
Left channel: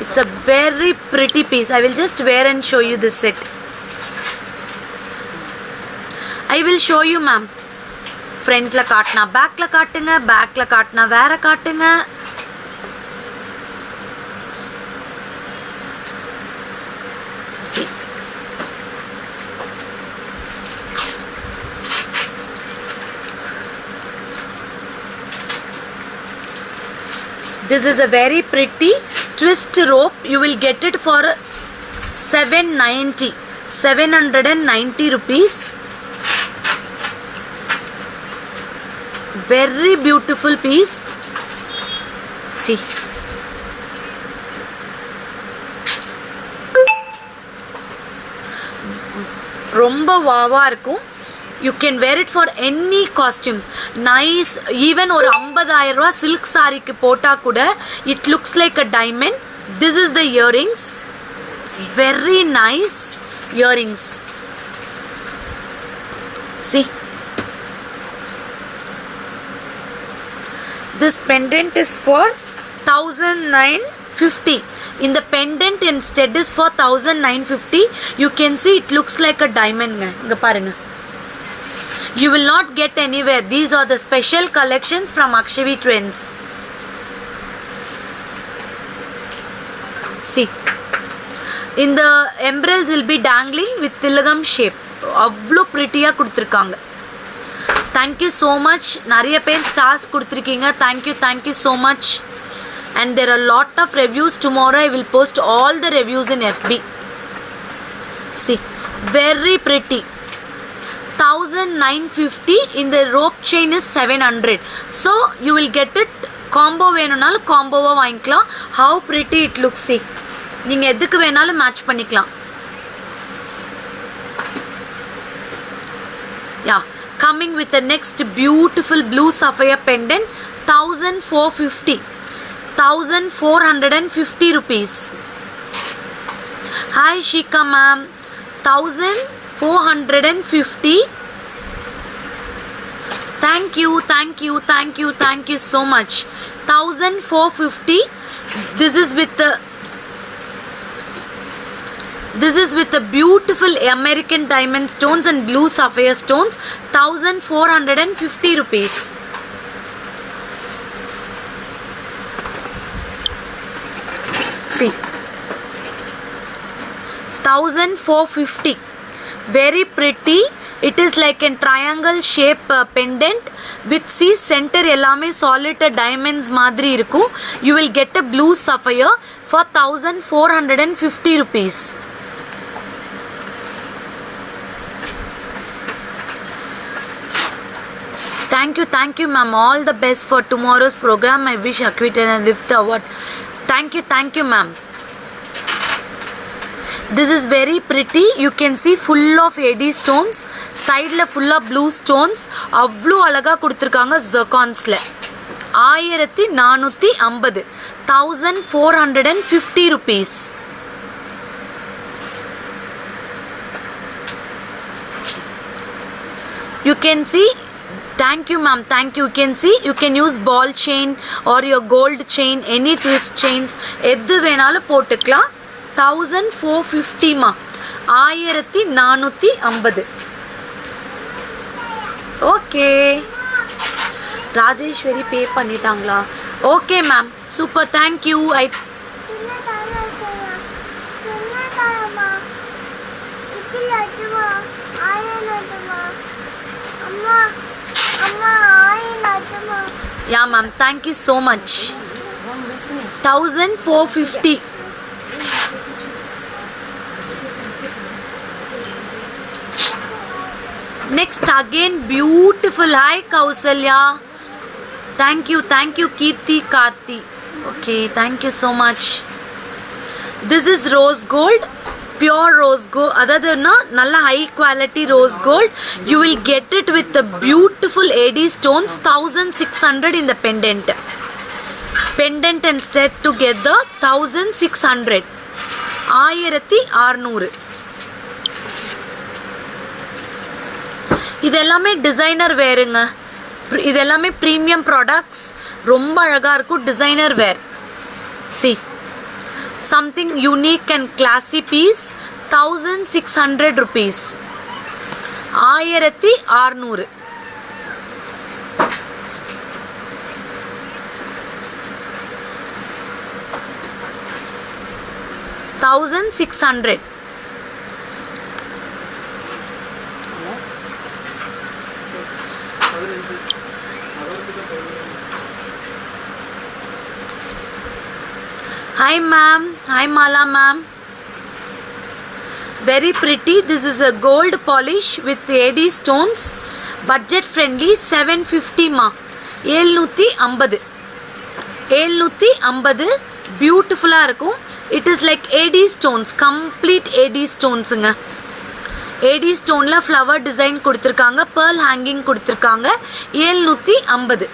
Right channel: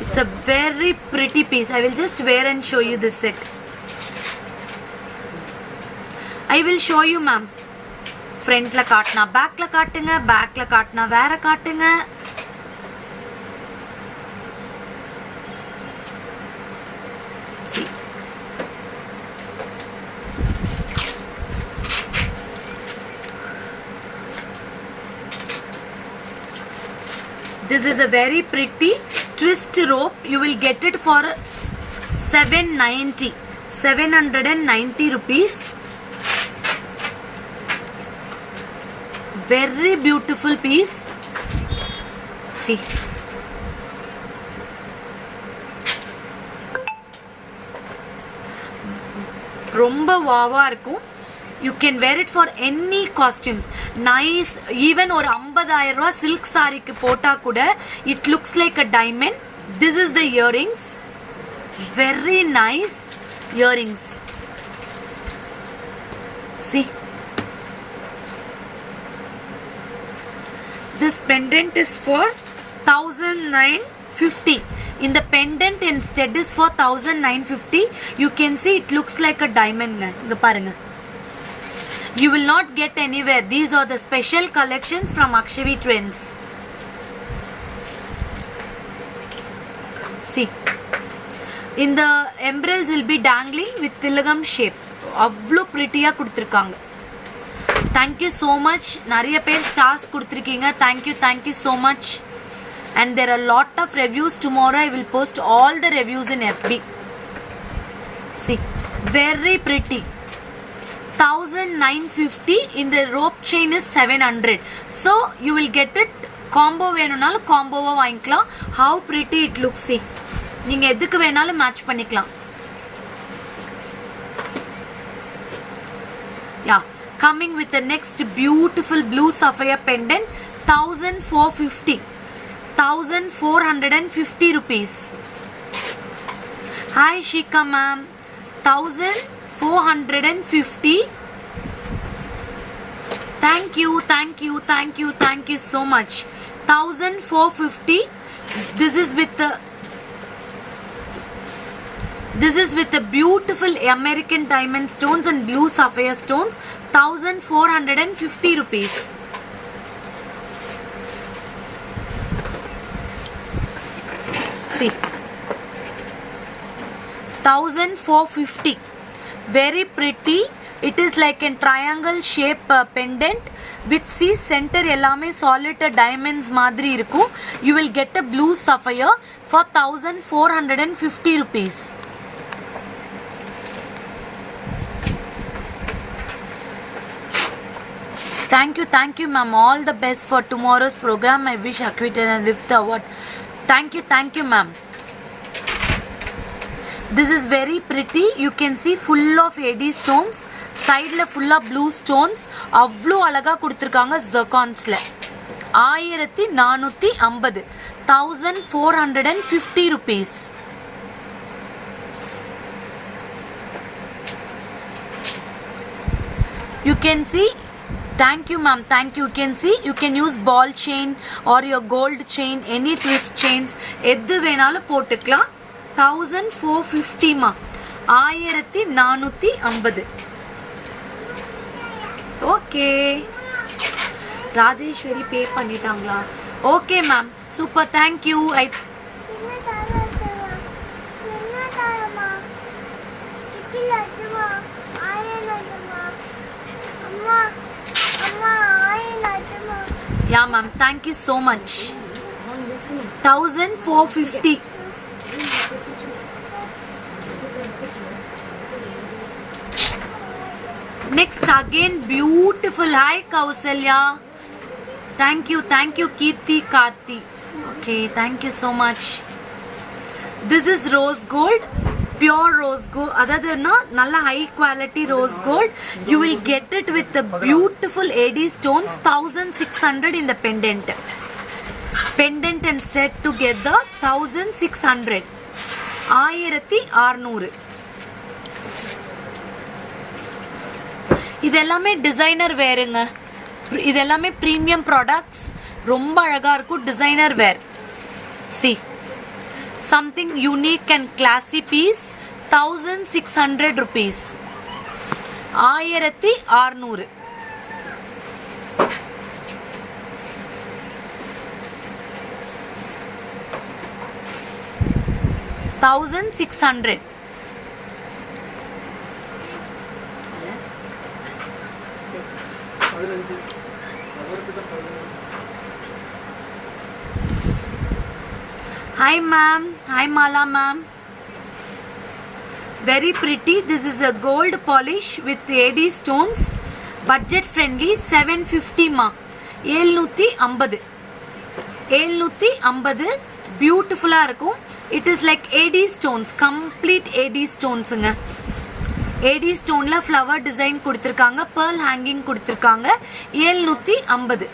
It's a very pretty piece. I will just wear and show you this set. I will show you ma'am. ஃப்ரண்ட்ல காட்டினா பேக்ல காட்டுங்க, பேக்ல காட்டினா வேற காட்டுங்க. This is a very pretty twist rope. You will get it for 790 rupees. Very beautiful piece. See, ரொம்ப வாவா இருக்கும். You can wear it for any costumes. Nice. Even ஒரு 50,000 ரூபா silk சாரிக்கு போட்டா கூட it looks like a diamond. This is the earrings. Very nice earrings. See, this pendant is for 1950. In the pendant instead is for 1950. You can see it looks like a diamond. இங்க பாருங்க. You will not get anywhere. These are the special collections from Akshavi Trends. See, இந்த எம்ப்ரல்ஸ் will be dangling with திலகம் shape. அவ்வளோ ப்ரிட்டியாக கொடுத்துருக்காங்க. Thank you so much. நிறைய பேர் stars கொடுத்துருக்கீங்க. Thank you so much. And there are lot of reviews. Tomorrow I will post all the reviews in FB. See, very pretty. 1950. In the rope chain is 700. So you will get it combo வேணும்னாலும் காம்போவாக வாங்கிக்கலாம். How pretty it looks. See, நீங்கள் எதுக்கு வேணாலும் match பண்ணிக்கலாம். Yeah, coming with the next beautiful blue sapphire pendant. 1450. 1450 rupees. Hi Shika ma'am. 1450. Thank you so much. 1450. This is with the beautiful American diamond stones and blue sapphire stones. 1450 rupees. See, 1450. Very pretty. It is like a triangle shape pendant with see center எல்லாமே solid diamonds மாதிரி இருக்கும். You will get a blue sapphire for 1450 rupees. Thank you ma'am. All the best for tomorrow's program. I wish Akritina lift the award. Thank you ma'am. This is very pretty. You can see full of AD stones. Side la full of blue stones. அவ்வளோ அழகா கொடுத்துருக்காங்க ஜர்கான்ஸ்ல. 1450. 1450 rupees. You can see. Thank you ma'am. You can see you can use ball chain or your gold chain, any twist chains எது வேணாலும் போட்டுக்கலாம். 1450 மா. 1450. Okay. Rajeswari பே பண்ணிட்டாங்களா? Okay ma'am. Super. Thank you. Yeah ma'am, thank you so much. 1450. Next again beautiful. Hi Kausalya. Thank you Kirti Karti. Okay, thank you so much. This is rose gold. Pure rose gold. Adha nalla high quality rose gold. You will get it with the beautiful AD stones. 1600 in the pendant and set together 1600. 1600. இதெல்லாமே designer வேருங்க. இதெல்லாமே premium products. ரொம்ப அழகாக இருக்கும். Designer where. C something unique and classy piece. 1600 rupees. 1600. $1600. Hi ma'am. Hi Mala ma'am. Very pretty. This is a gold polish with AD stones. Budget friendly. 750 ma. 750. 750. Beautiful ah irukum. It is like AD stones. Complete AD stones nga. AD stone la flower design கொடுத்திருக்காங்க. pearl hanging கொடுத்திருக்காங்க. 750.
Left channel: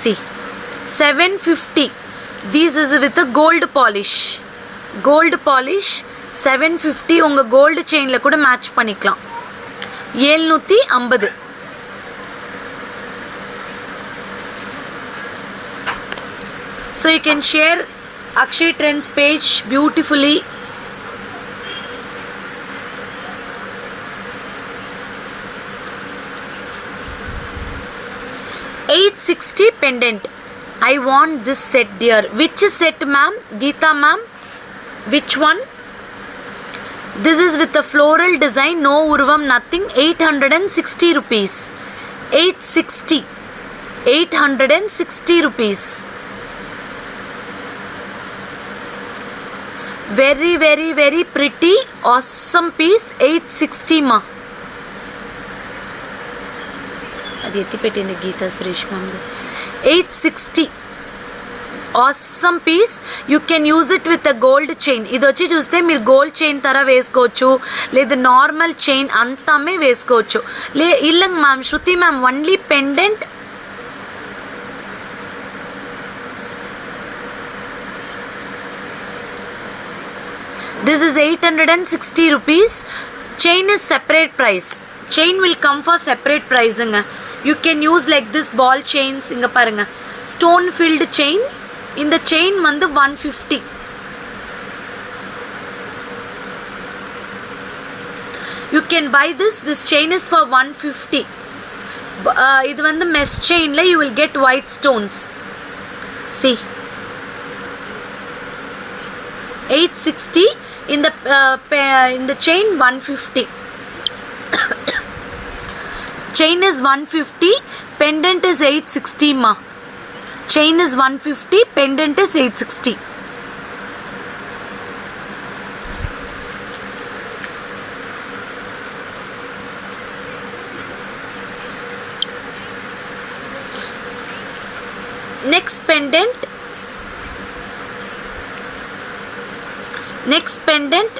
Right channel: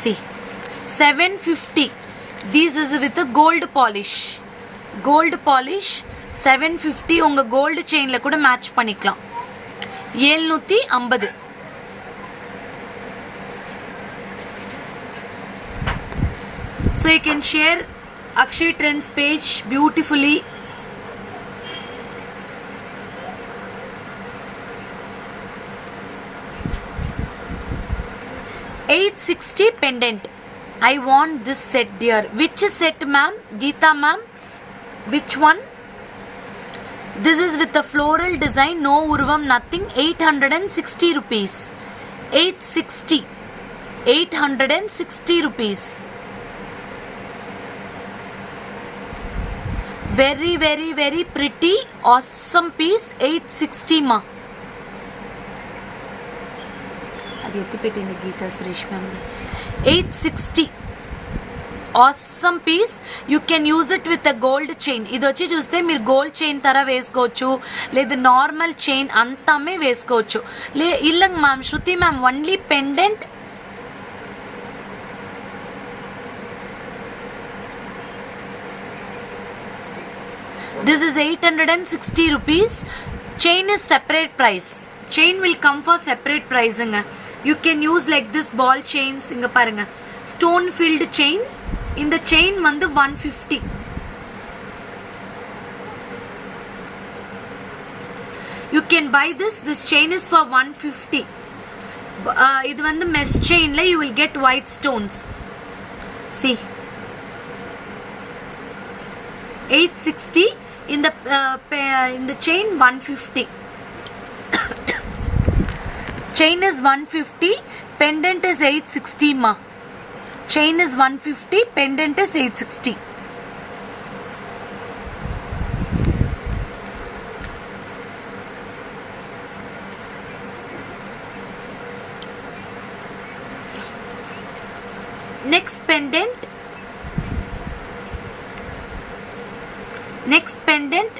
See, 750. This is with a gold polish. Gold polish 750. உங்க gold chainல கூட match பண்ணிக்கலாம். 750. So you can share Akshay Trends page beautifully. 860 pendant. I want this set, dear. Which set, ma'am? Geeta ma'am, which one? This is with a floral design, no urvam, nothing. 860 rupees. 860 rupees. Very very very pretty, awesome piece. 860 ma. అది ఎత్తి పెట్టింది Geetha Suresh ma'am. 860 awesome piece. You can use it with a gold chain. ఇది వచ్చి చూస్తే మీరు gold chain తర వేసుకోవచ్చు, లేదా నార్మల్ చైన్ అంతామే వేసుకోవచ్చు. ఇల్లంగ్ ma'am, Shruti ma'am, only pendant. This is 860 rupees. Chain is separate price. Chain will come for separate pricing. You can use like this ball chains. Inga parunga, stone filled chain. In the chain vandu 150. You can buy this. This chain is for 150. Idu vandu mesh chain la you will get white stones. See, 860. In the chain 150. Chain is 150, pendant is 860 ma. Chain is 150, pendant is 860. Next pendant.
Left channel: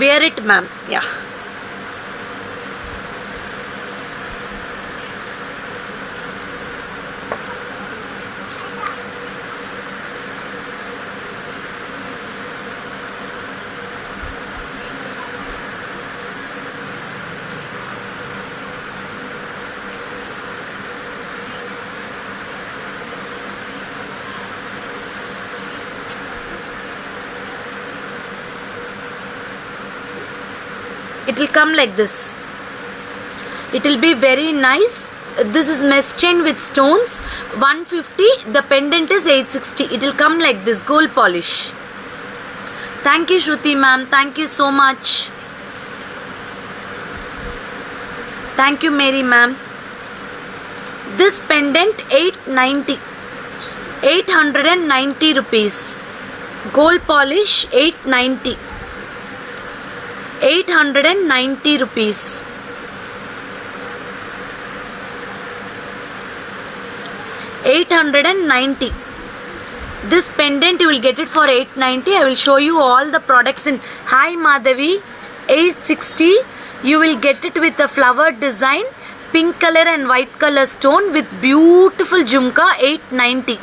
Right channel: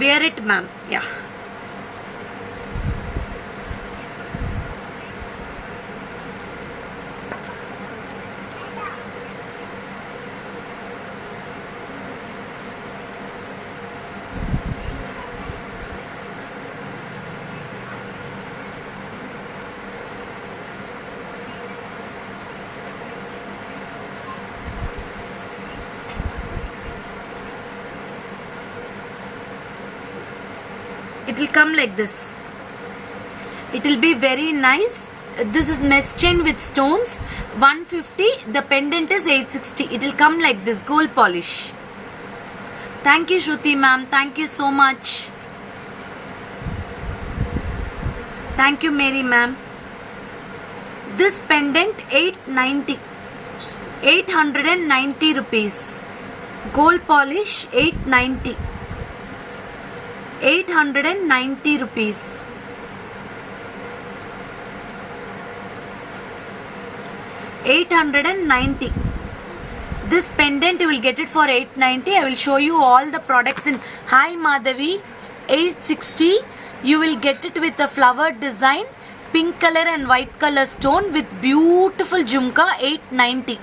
Wear it, ma'am. Yeah. It will come like this. It will be very nice. This is mesh chain with stones. 150. The pendant is 860. It will come like this, gold polish. Thank you, Shruti ma'am. Thank you so much. Thank you, Mary ma'am. This pendant 890. 890 rupees. Gold polish 890. 890 rupees. 890. This pendant you will get it for 890. I will show you all the products in. Hi Madhavi. 860. You will get it with a flower design, pink color and white color stone with beautiful jhumka. 890.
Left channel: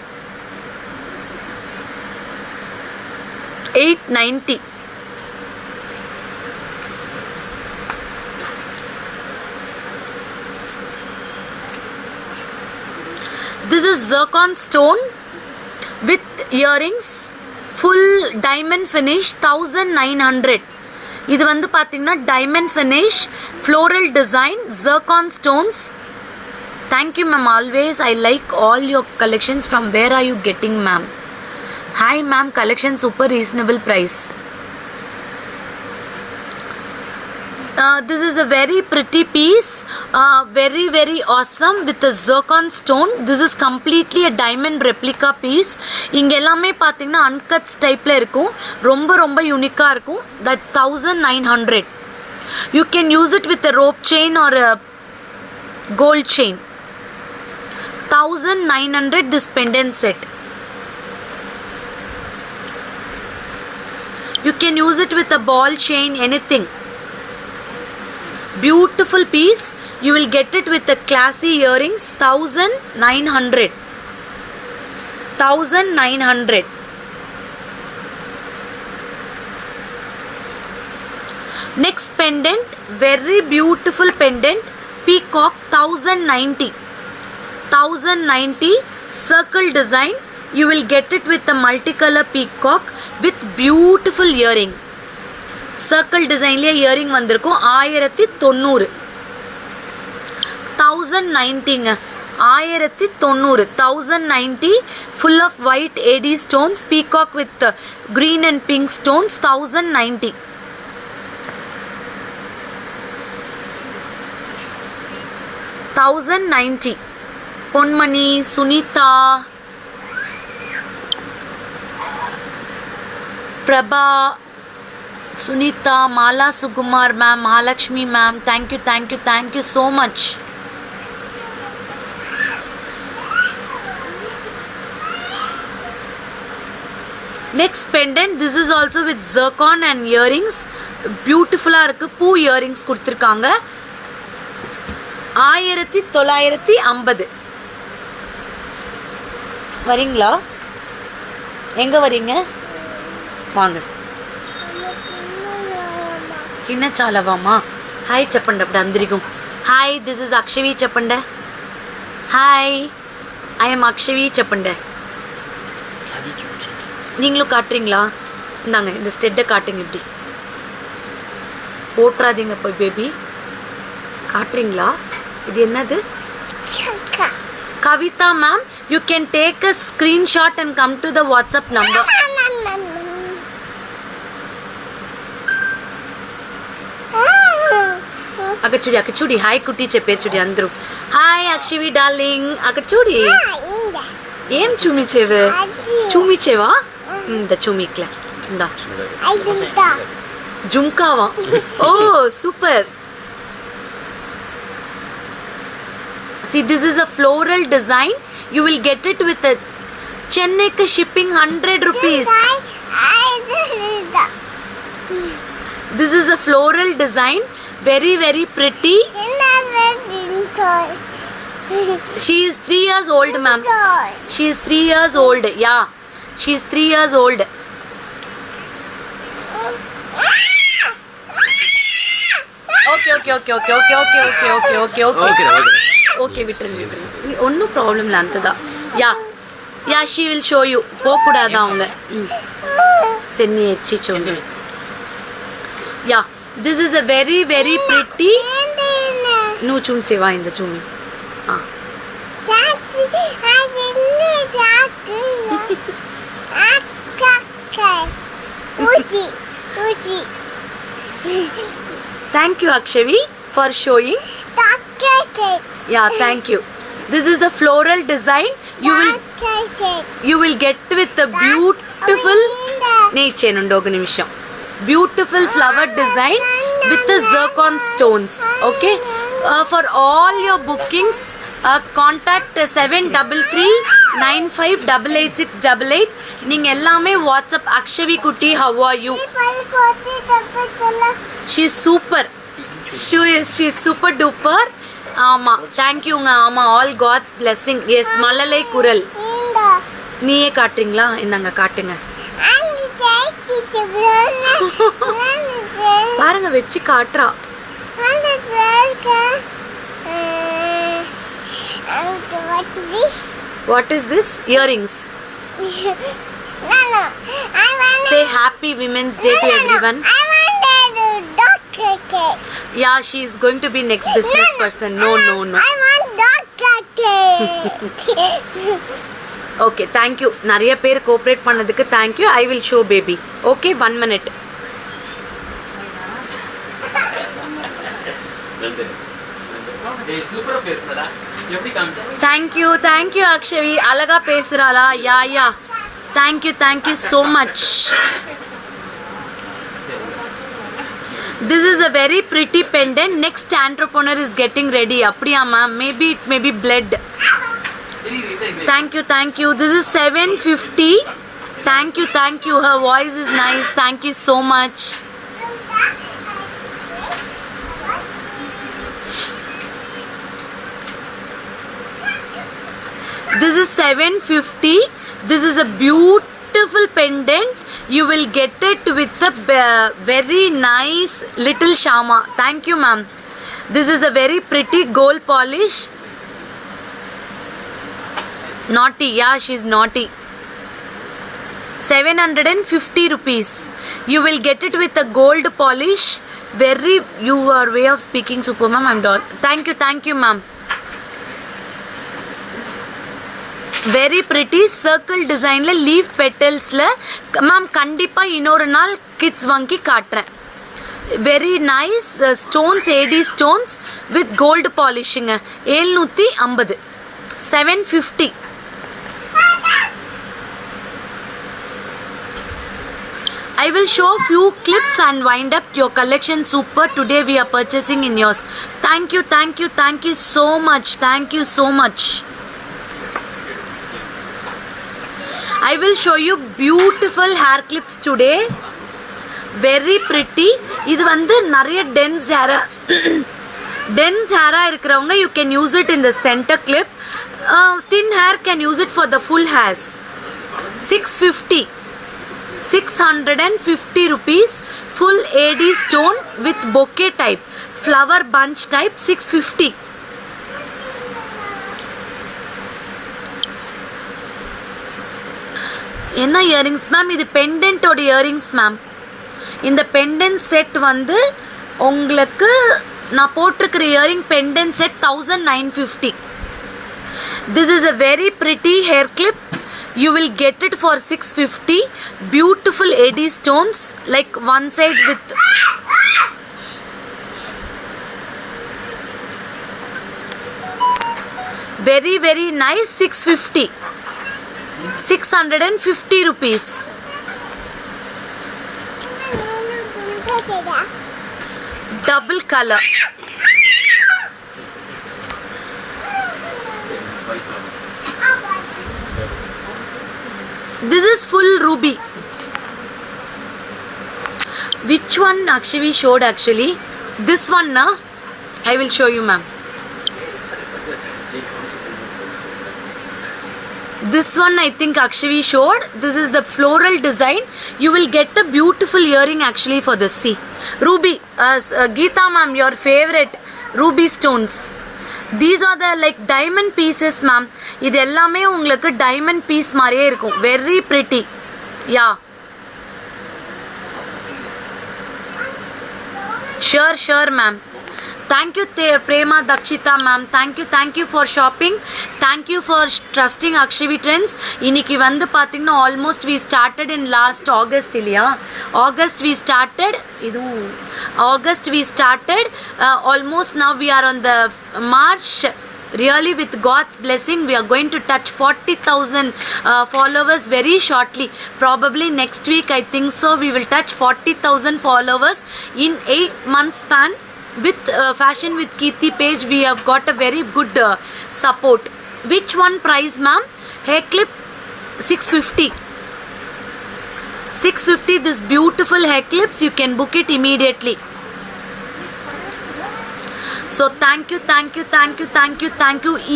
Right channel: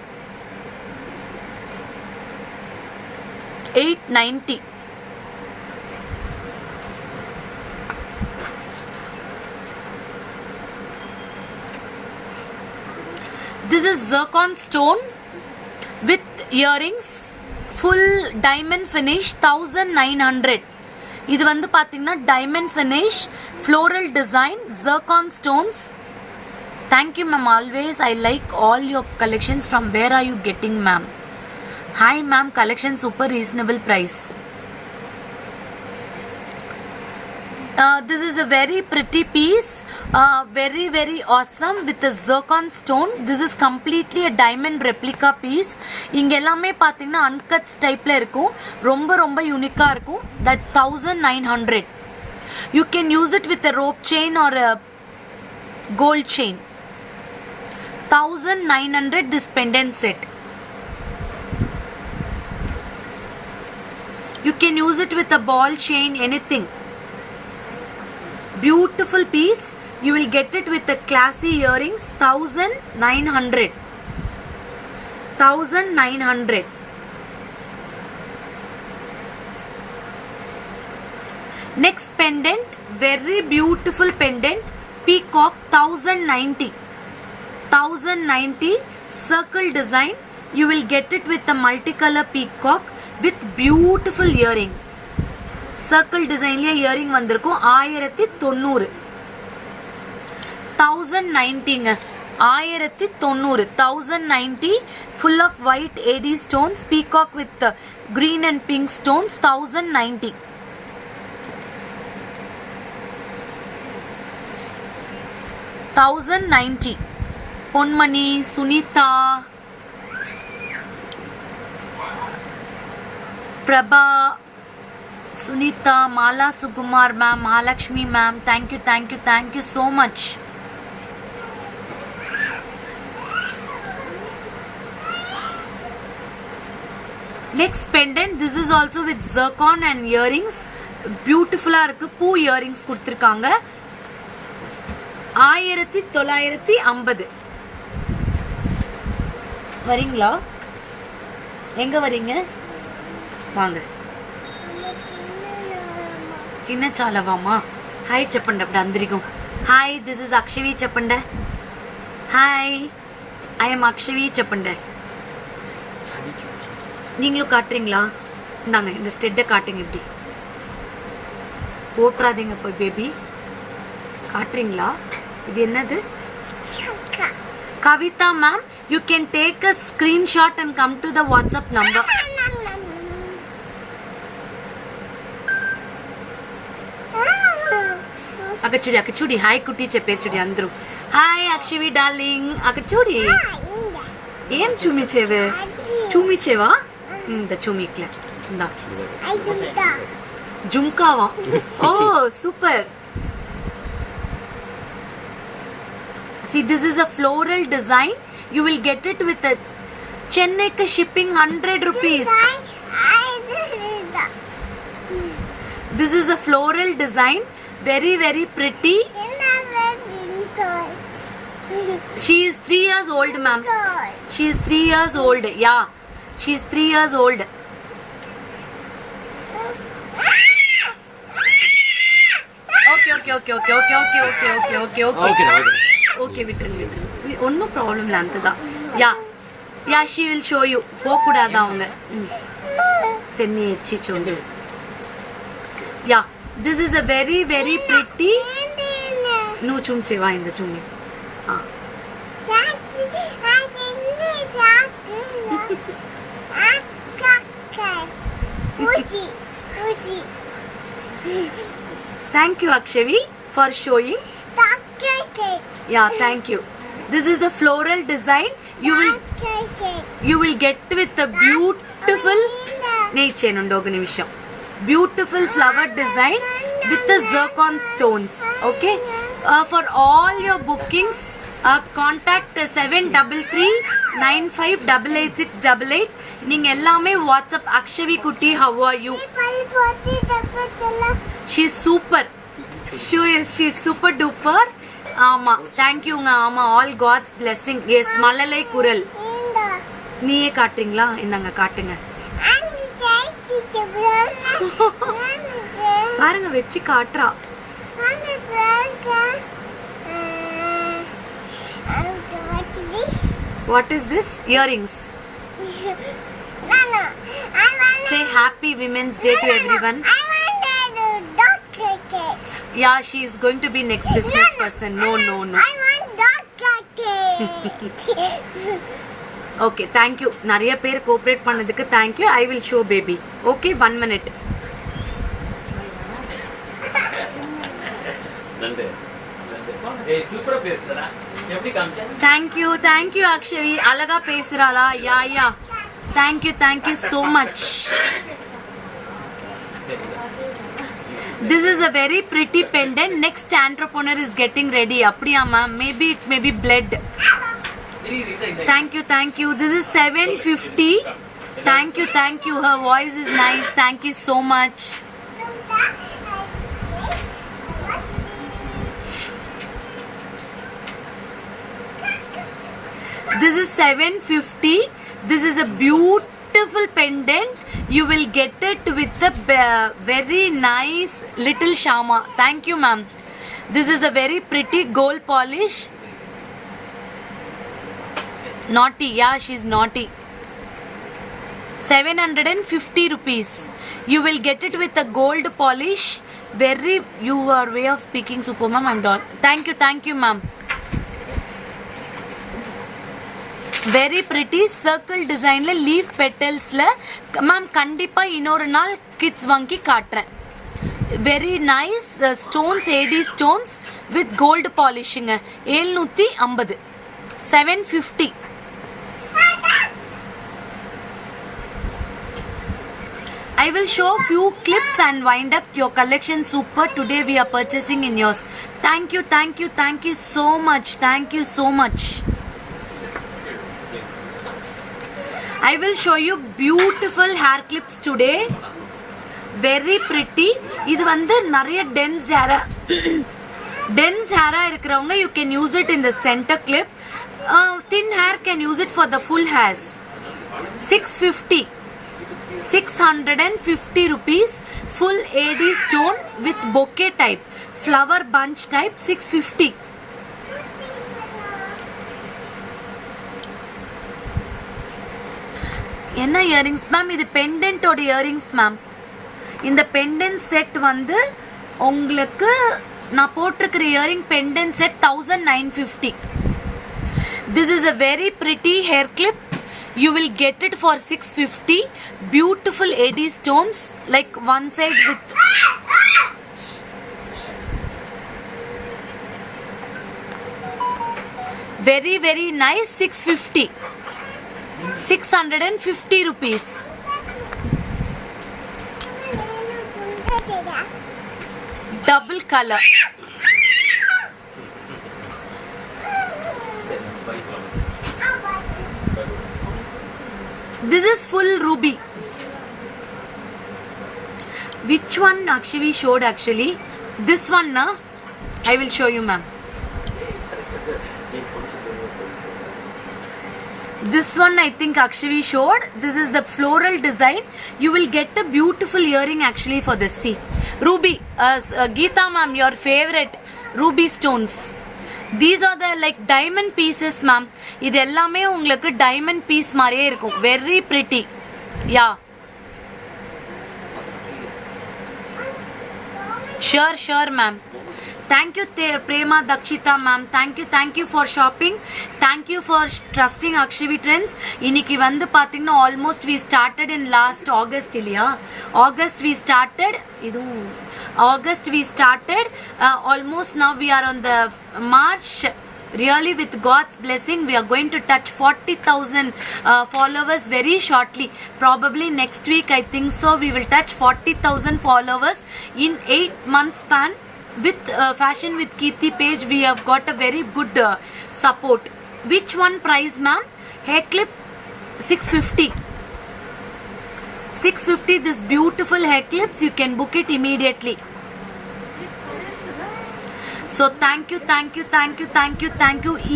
890. This is zircon stone with earrings, full diamond finish, 1900. இது வந்து பாத்தீங்கன்னா diamond finish, floral design, zircon stones. Thank you ma'am, always I like all your collections. From where are you getting ma'am? Hi ma'am, collection super reasonable price. This is a very pretty piece, very very awesome with a zircon stone. This is completely a diamond replica piece. இங்க எல்லாமே பாத்தீங்கன்னா அன்கட்ஸ் டைப்ல இருக்கும், ரொம்ப ரொம்ப யூனிக்கா இருக்கும். That 1900. You can use it with a rope chain or a gold chain. 1900 this pendant set. You can use it with a ball chain, anything. Beautiful piece. You will get it with the classy earrings. 1900. 1900. Next pendant, very beautiful pendant, peacock. 1090. 1090 circle design. You will get it with a multicolor peacock with beautiful earring. Circle design liya earring vandirukkum. 1090. 1090ங்க 1090 1090 full of white AD stones peacock with green and pink stones 1090 1090 Ponmani Sunita Prabha Sunita, Mala Sukumar ma'am, Mahalakshmi ma'am, thank you so much. Next pendant, this is also with zircon and earrings. Beautiful இருக்கு பூ earrings கொடுத்திருக்காங்க 1950 வரீங்களா எங்க வரீங்க வாங்க చిన్న చాలవామా hi చెప్పండి అప్పుడు అందరికీ హాయ్ దిస్ ఇస్ అక్షవి చెప్పండి హాయ్ ஐஎம் அக்ஷவி చెప్పండి நீங்களும் காட்டுறீங்களா இந்தாங்க இந்த ஸ்டெட்டை காட்டுங்க இப்படி போட்டுறாதீங்க போய் பேபி காட்டுறீங்களா இது என்னது Kavitha ma'am you can take a screenshot and come to the WhatsApp number అక్కడ చూడి హాయ్ కుట్టి చెప్పారు చూడి అందరూ హాయ్ అక్షవి డార్లింగ్ అక్కడ చూడి ఏం చూమిచేవా ఇంత చూమిక్లా ఇందా జుంకావా ఓ super see this is a floral design you will get it with a chennai ka shipping 100 rupees this is a floral design very very pretty she is 3 years old ma'am she is 3 years old yeah she is 3 years old okay விட்டுருங்க ஒன்றும் problem இல்லை அந்த யா she will show you போகக்கூடாது அவங்க சென்னி எச்சி சொல்லு யா this is a very very pretty నువ్వు చూంచేవా ఇంద చూమి thank you akshavi for showing yeah thank you this is a floral design you will get with a beautiful nature and ఒక నిమిషం beautiful flower design with the zircon stones okay for all your bookings contact 7339588688 நீங்க எல்லாமே WhatsApp Akshavi குட்டி how are you she's super she's super duper ஆமா thank you ஆமா all god's blessing yes மலலை குரல் நீயே காட்டுறீங்களா இந்தாங்க காட்டுங்க பாருங்க வெச்சி காட்றா what is this earrings say happy women's day to everyone yeah she is going to be next business person no I want okay thank you நிறைய பேர் cooperate பண்ணதுக்கு thank you I will show baby okay 1 minute சூப்பரா பேசுறடா எப்படி காமிச்சா thank you Akshavi அழகா பேசுறாளா யா thank you so much this is a very pretty pendant next entrepreneur is getting ready அப்படியா ma'am maybe it may be bled thank you this is 750 thank you her voice is nice thank you so much this is 750 this is a beautiful pendant you will get it with a very nice little shama thank you ma'am this is a very pretty gold polish naughty yeah she's naughty 750 rupees you will get it with a gold polish very your way of speaking super ma'am I'm thank you ma'am very pretty circle டிசைனில் leaf பெட்டல்ஸில் ma'am கண்டிப்பாக இன்னொரு நாள் kids வாங்கி காட்டுறேன். Very nice stones, AD stones with gold பாலிஷிங்க. 750, 750. I will show few clips and wind up your collection. Super. Today we are purchasing in yours. Thank you, thank you, thank you so much. Thank you so much. I will show you beautiful hair clips today. Very pretty. இது வந்து நிறைய tensed Hera இருக்கிறவங்க you can use it in the center clip. Thin hair can use it for the full hairs. 650. 650 rupees. Full AD stone with bouquet type, flower bunch type. 650. என்ன earrings ma'am? இது பெண்டன்ட்டோட earrings ma'am. இந்த pendant set வந்து உங்களுக்கு நான் போட்டிருக்கிற earring pendant set 1950. This is a very pretty hair clip. You will get it for 650. Beautiful AD stones, like one side with very very nice. 650. 650 rupees. Double color. This is full ruby. Which one actually showed actually? This one na? I will show you ma'am. This one I think actually showed. This is the floral design. You will get a beautiful earring actually for this. See, ruby. Geeta ma'am, your favorite ruby stones. These are the like diamond pieces ma'am. இது எல்லாமே உங்களுக்கு diamond piece மாதிரியே இருக்கும். Very pretty. Yeah. Sure ma'am. Thank you Prema Dakshita ma'am. Thank you for shopping. Thank you for trusting Akshavi Trends. இன்னைக்கு வந்து பாத்தீங்கன்னா almost we started in last August இல்லையா? August we started. Almost now we are on the March. Really with God's blessing we are going to touch 40,000 followers very shortly. Probably next week I think so we will touch 40,000 followers in 8 months span. With Fashion with Kirti page we have got a very good support. Which one price ma'am? Hair clip 650. 650. This beautiful hair clips you can book it immediately. So thank you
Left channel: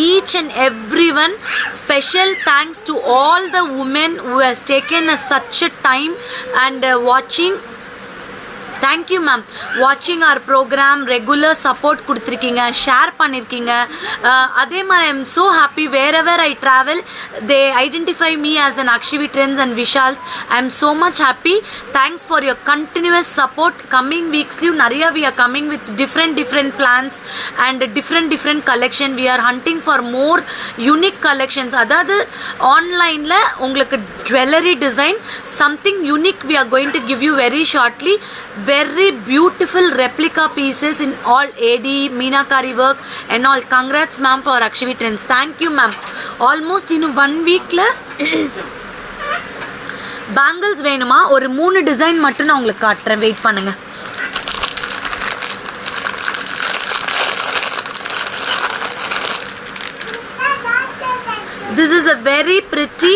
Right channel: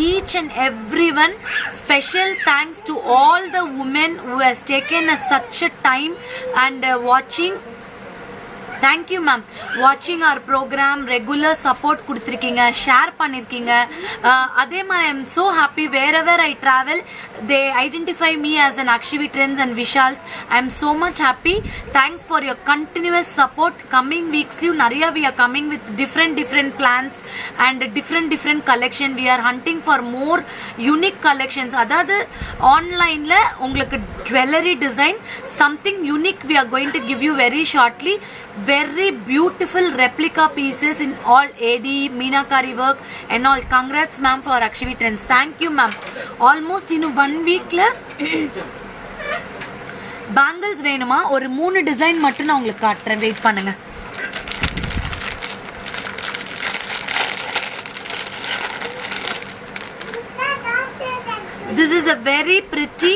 each and everyone. Special thanks to all the women who has taken such a time and watching. Thank you ma'am. Watching our program, regular support கொடுத்திருக்கீங்க, share பண்ணிருக்கீங்க. அதே மாதிரி I am so happy wherever I travel they identify me as an Akshavi Trends and Vishals. I am so much happy. Thanks for your continuous support. Coming weeks நிறைய we are coming with different plans and different collection. We are hunting for more unique collections. அதாவது ஆன்லைன்ல உங்களுக்கு jewelry design something unique we are going to give you very shortly. Very beautiful replica pieces in all AD Meenakari work and all. Congrats ma'am for Akshavi Trends. Thank you ma'am. Almost in 1 week la bangles வேணுமா? ஒரு 3 design மட்டும் நான் உங்களுக்கு காட்டுறேன். Wait பண்ணுங்க. This is a very pretty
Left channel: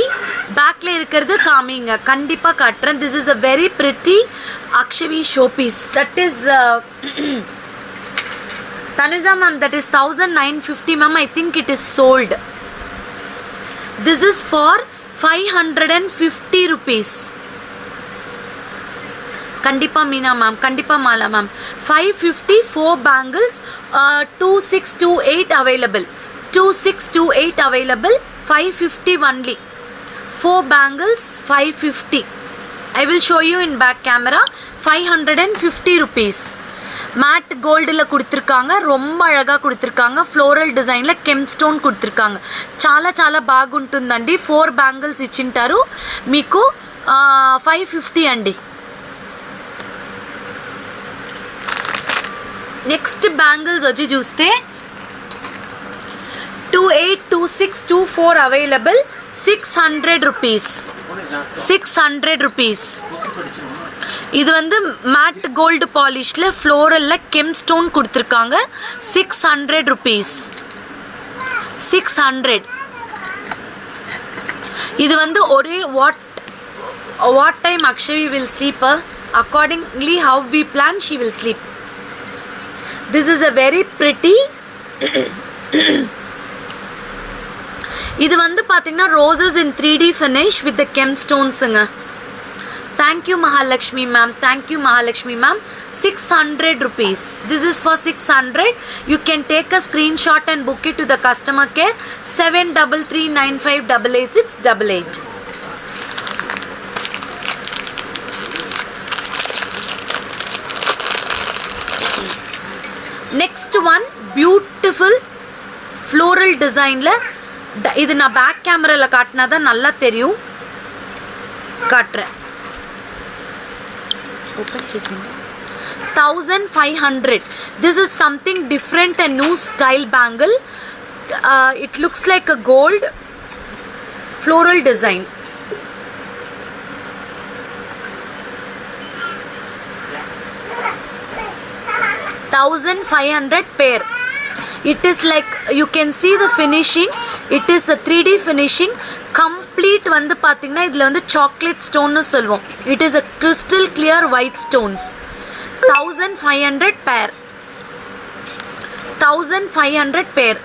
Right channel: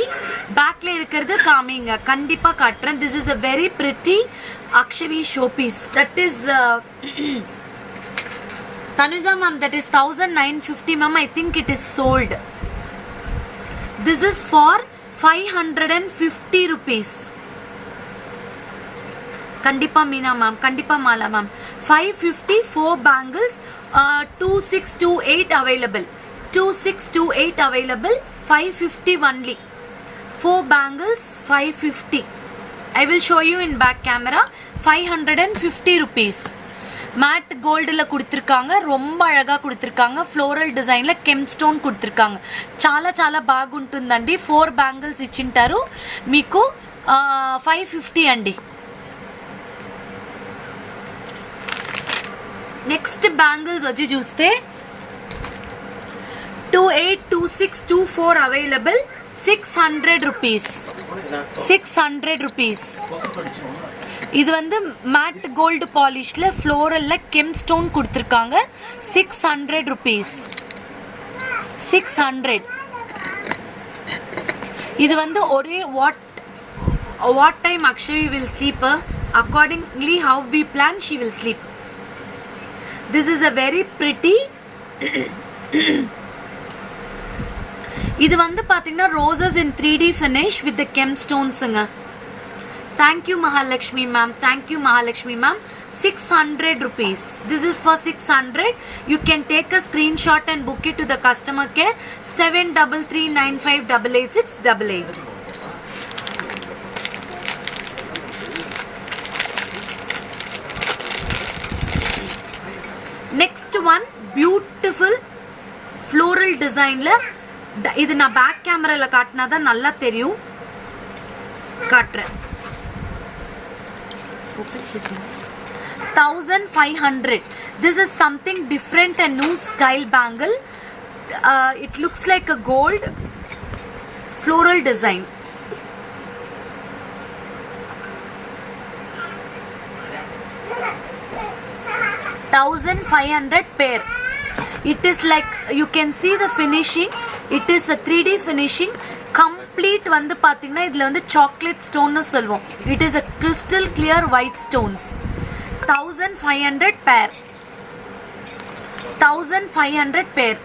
பேக்ல இருக்கிறது காமிங்க, கண்டிப்பா காட்டுறேன். This is a very pretty Akshavi showpiece. That is Tanuja ma'am, that is 1950 ma'am. I think it is sold. This is for 550 rupees. Kandipa Meena ma'am, Kandipa Mala ma'am. 550 4 bangles, 2628 available. 2628 available. 550 only. 4 bangles 550. I will show you in back camera. 550 rupees. Mat கோல்டில் கொடுத்துருக்காங்க, ரொம்ப అழగా கொடுத்துருக்காங்க. Floral డిజైన్లో కెమ్ stone கொடுத்துருக்காங்க. చాలా చాలా బాగుంటుందండి. 4 బ్యాంగిల్స్ ఇచ్చింటారు మీకు. 550 అండి. నెక్స్ట్ బ్యాంగిల్స్ వచ్చి చూస్తే 28, 26, 24 అవైలబుల్. 600 రూపీస్. 600 రూపీస్. இது வந்து மேட் கோல்டு பாலிஷில் ஃப்ளோரலில் கெம் ஸ்டோன் கொடுத்துருக்காங்க. 600 ரூபீஸ். 600. இது வந்து ஒரே what time Akshavi will sleep accordingly how we plan she will sleep. This is a very pretty. இது வந்து பார்த்தீங்கன்னா roses in 3D finish with the gem ஸ்டோன்ஸுங்க. Thank you Mahalakshmi ma'am. Thank you Mahalakshmi ma'am. 600 rupees. This is for 600. You can take a screenshot and book it to the customer care 7339588688. Next one, beautiful floral designல இது நான் back கேமரால காட்டினா தான் நல்லா தெரியும். காட்டுறேன். 1500. This is something different and new style bangle. It looks like a gold floral design. $1,500 pair. It is like you can see the finishing. It is a 3D finishing. Complete வந்து பார்த்தீங்கன்னா இதில் வந்து சாக்லேட் ஸ்டோன்னு சொல்லுவோம். It is a crystal clear white stones. 1500 பேர். 1500 பேர்.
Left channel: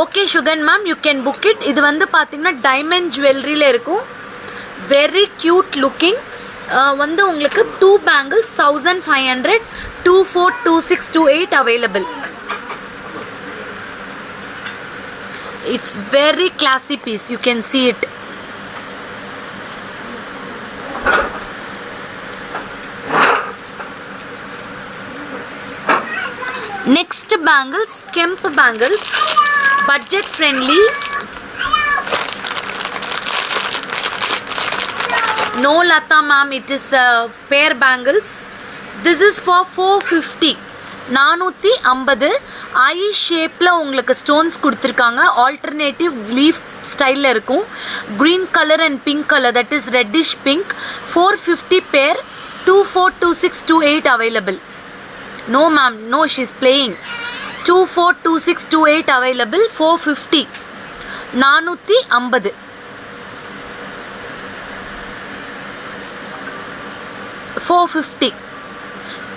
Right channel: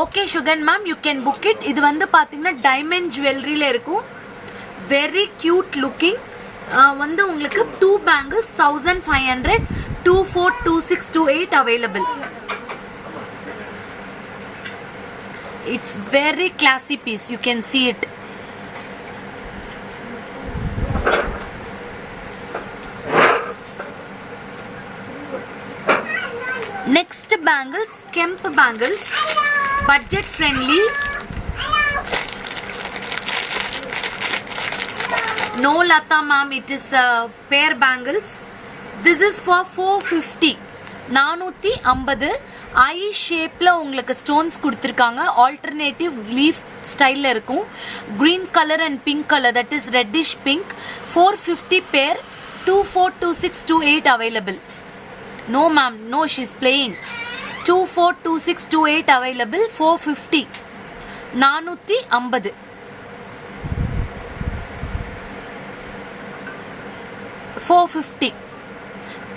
Okay Sugan ma'am, you can book it. இது வந்து பார்த்தீங்கன்னா டைமண்ட் ஜுவல்லரியில் இருக்கும். Very cute looking. வந்து உங்களுக்கு 2 bangles 1500. 24, 26, 28 available. It's very classy piece. You can see it. Next bangles, Kemp bangles, budget friendly. No Lata ma'am, it is pair bangles. This is for 450. 450. ஐ ஷேப்பில் உங்களுக்கு stones கொடுத்துருக்காங்க. Alternative leaf ஸ்டைலில் இருக்கும். Green colour and pink colour, that is reddish pink. 450 பேர். 24, 26, 28 available. No ma'am, no, she's playing. 24, 26, 28 available. 450. 450. 450.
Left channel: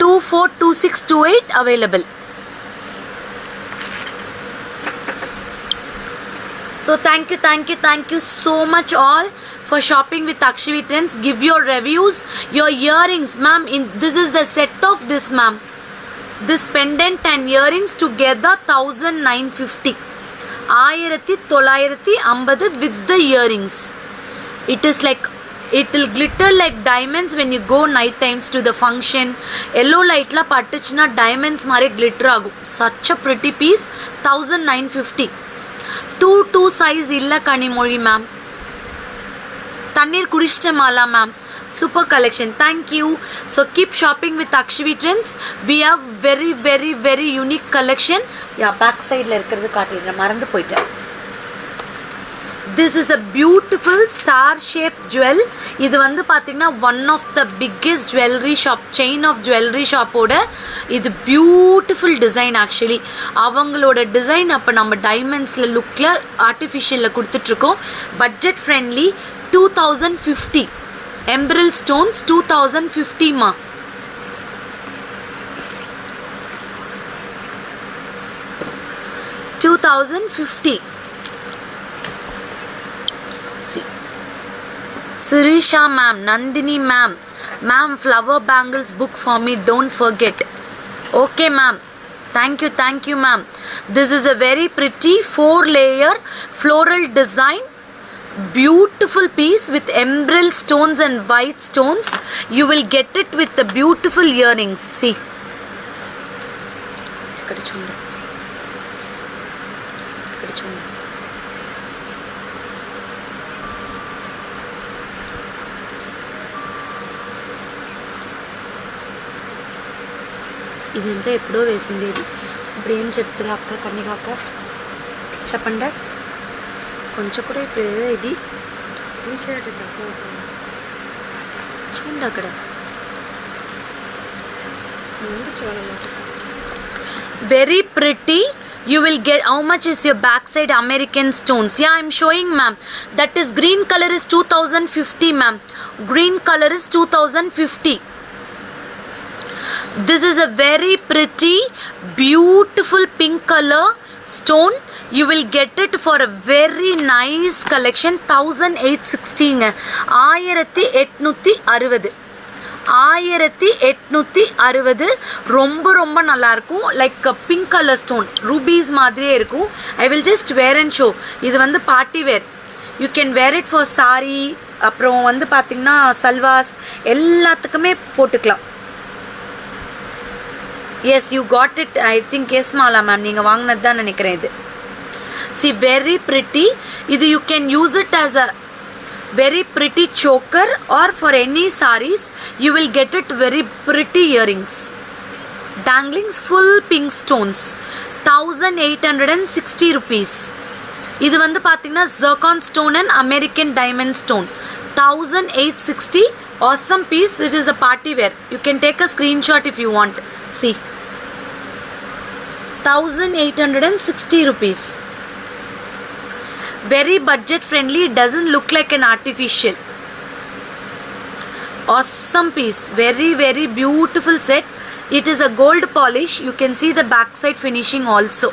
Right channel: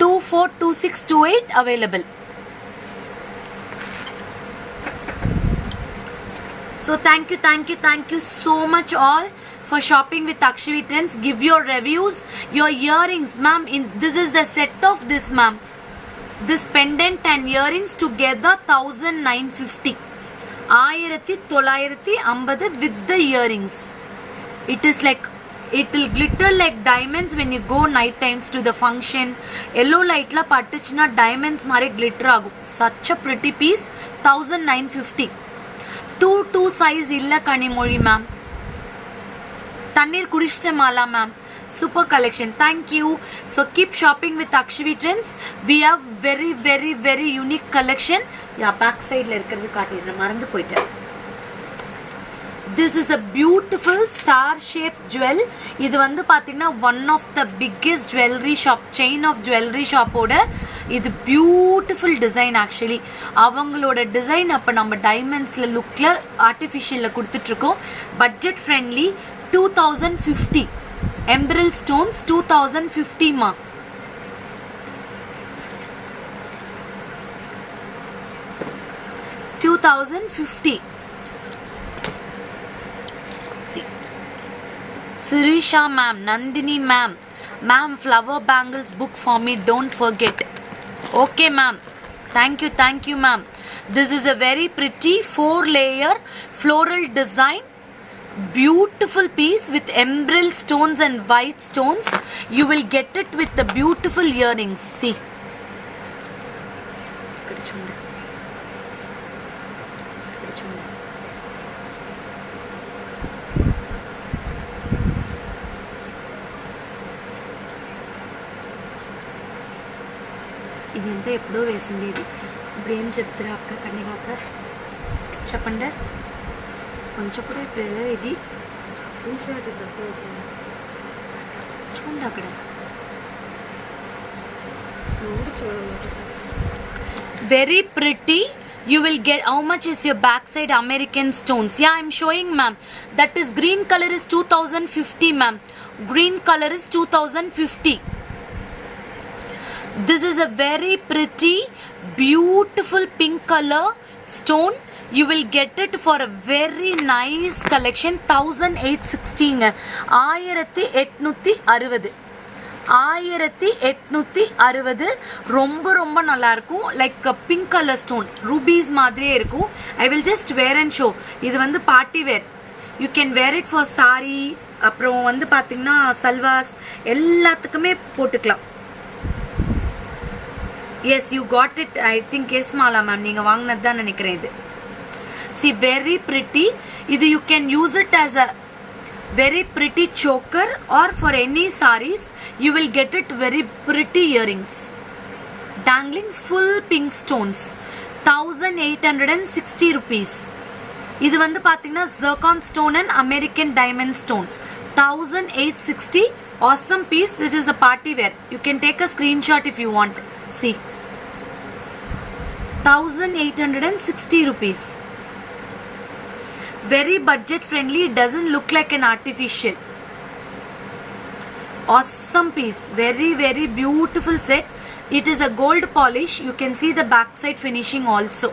24, 26, 28 available. So thank you so much all for shopping with Akshavi Trends. Give your reviews. Your earrings ma'am, this is the set of this ma'am. This pendant and earrings together 1950. 1950 with the earrings. It is like, it will glitter like diamonds when you go night times to the function. Yellow light la pattuchna diamonds mare glitter agum. Such a pretty piece. 1950. 2 size illa Kanimoli ma'am. Tannir Kudishta Mala ma'am. Super collection. Thank you. So keep shopping with Akshavi Trends. We have very very very unique collection. Yeah, back side la irukkiradhu kaatira marandu poitta. This is a beautiful star shaped jewel. இது வந்து பார்த்தீங்கன்னா one of the biggest jewelry shop, chain of jewelry shop ஓட இது beautiful design actually. அவங்களோட design அப்போ நம்ம டைமண்ட்ஸில் லுக்கில் ஆர்டிஃபிஷியலில் கொடுத்துட்ருக்கோம். Budget friendly. 2050. எம்பரல் ஸ்டோன்ஸ் 2050 மா. $2,050. Sirisha ma'am, Nandini ma'am, flower bangles book for me, don't forget. Okay ma'am, thank you ma'am. This is a very pretty 4-layer floral design beautiful piece with emerald stones and white stones. You will get it with the beautiful earrings. See, ikkada chunde. ఇదంతా ఎప్పుడో వేసిండేది. ఇప్పుడు ఏం చెప్తారా అక్క కన్నిగా అక్క చెప్పండి. కొంచెం కూడా ఇప్పుడు ఇది చూసాడు ఫోటో చూడండి అక్కడ. ముందు చూడలేదు. Very pretty. You will get, how much is your backside American stones? Yeah, I'm showing ma'am. That is green color is 2050 ma'am. Green color is 2050. This is a very pretty beautiful pink color stone. You will get it for a very nice collection. 1860 1860 1860 ரொம்ப ரொம்ப நல்லா இருக்கும். Like pink colour stone rubies மாதிரியே இருக்கும். I will just wear and show. இது வந்து party wear. You can wear it for sari, அப்புறம் வந்து பார்த்திங்கன்னா சல்வாஸ் எல்லாத்துக்குமே போட்டுக்கலாம். Yes you got it. I think S Mala ma'am நீங்கள் வாங்கினது தான் நினைக்கிறேன் இது. See very pretty. இது you can use it as a very pretty choker, or for any sarees you will get it very pretty earrings. Danglings full pink stones. 1860 rupees. இது வந்து பார்த்தீங்கன்னா zircon stone and American diamond stone. 1860. Awesome piece. It is a party wear. You can take a screenshot if you want. See, 1860 rupees. Very budget friendly. It doesn't look like an artificial. Awesome piece. Very very beautiful set. It is a gold polish. You can see the backside finishing also.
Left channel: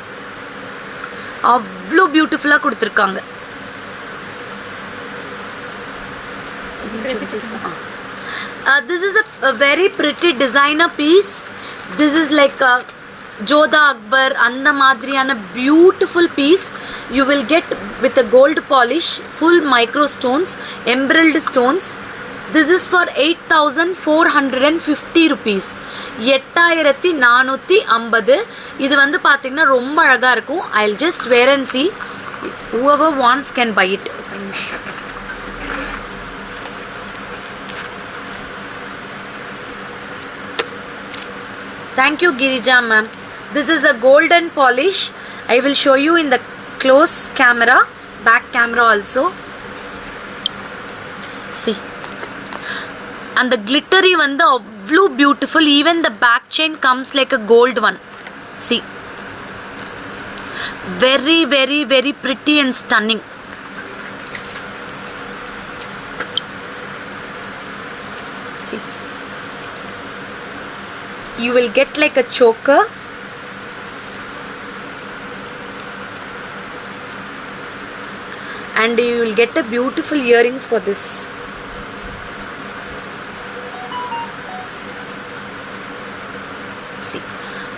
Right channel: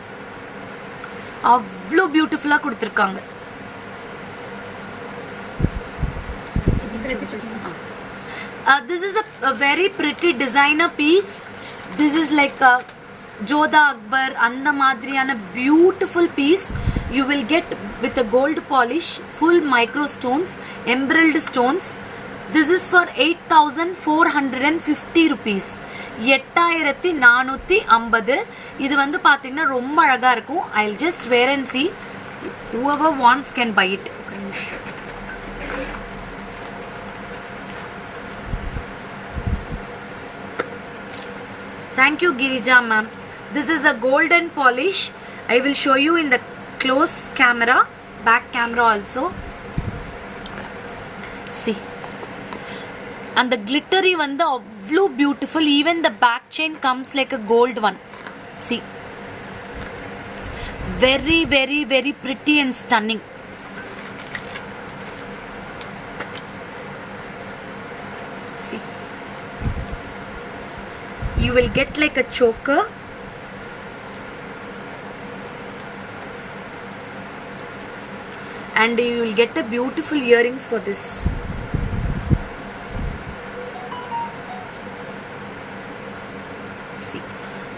avlo beautiful ah kuduthirukanga. This is a very pretty designer piece. This is like a Jodha Akbar and madriyana beautiful piece. You will get with a gold polish, full micro stones, emerald stones. This is for 8450 rupees. 8450. இது வந்து பார்த்தீங்கன்னா ரொம்ப அழகா இருக்கும். I'll just wear and see. Whoever wants can buy it. Thank you Girija ma'am. This is a golden polish. I will show you in the close camera, back camera also. See, and the glittery வந்து அவ்வளோ beautiful. Even the back chain comes like a gold one. See, very very very pretty and stunning. See, you will get like a choker. And you will get a beautiful earrings for this. See,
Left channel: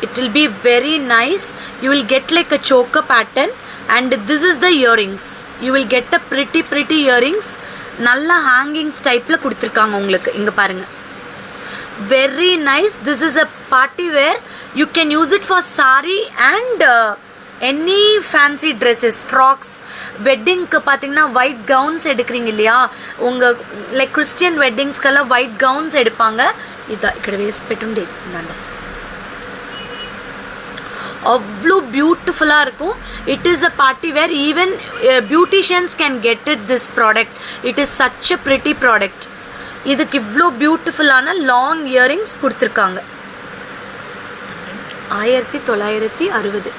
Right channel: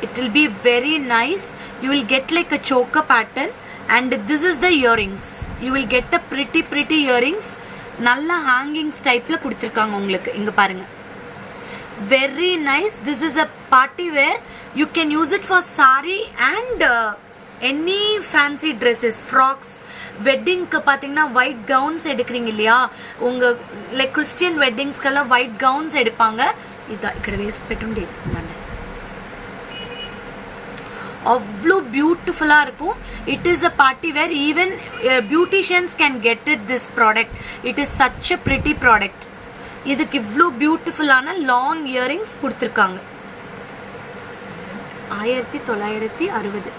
it will be very nice. You will get like a choker pattern, and this is the earrings. You will get a pretty earrings. Nalla hangings type la kuduthirukanga ungalku. Inga parunga. Very nice. This is a party wear. You can use it for sari and any fancy dresses, frocks. வெட்டிங்க்கு பார்த்தீங்கன்னா white gowns எடுக்கிறீங்க இல்லையா, உங்கள் like Christian வெட்டிங்ஸ்க்கெல்லாம் white gowns எடுப்பாங்க. இதான் ఇక్కడ వేసి పెట్టుండే ఇందండి. அவ்வளோ பியூட்டிஃபுல்லாக இருக்கும். It is a party wear. Even beauticians can get it this product. It is such a pretty product. இதுக்கு இவ்வளோ பியூட்டிஃபுல்லான லாங் இயரிங்ஸ் கொடுத்துருக்காங்க. 1960.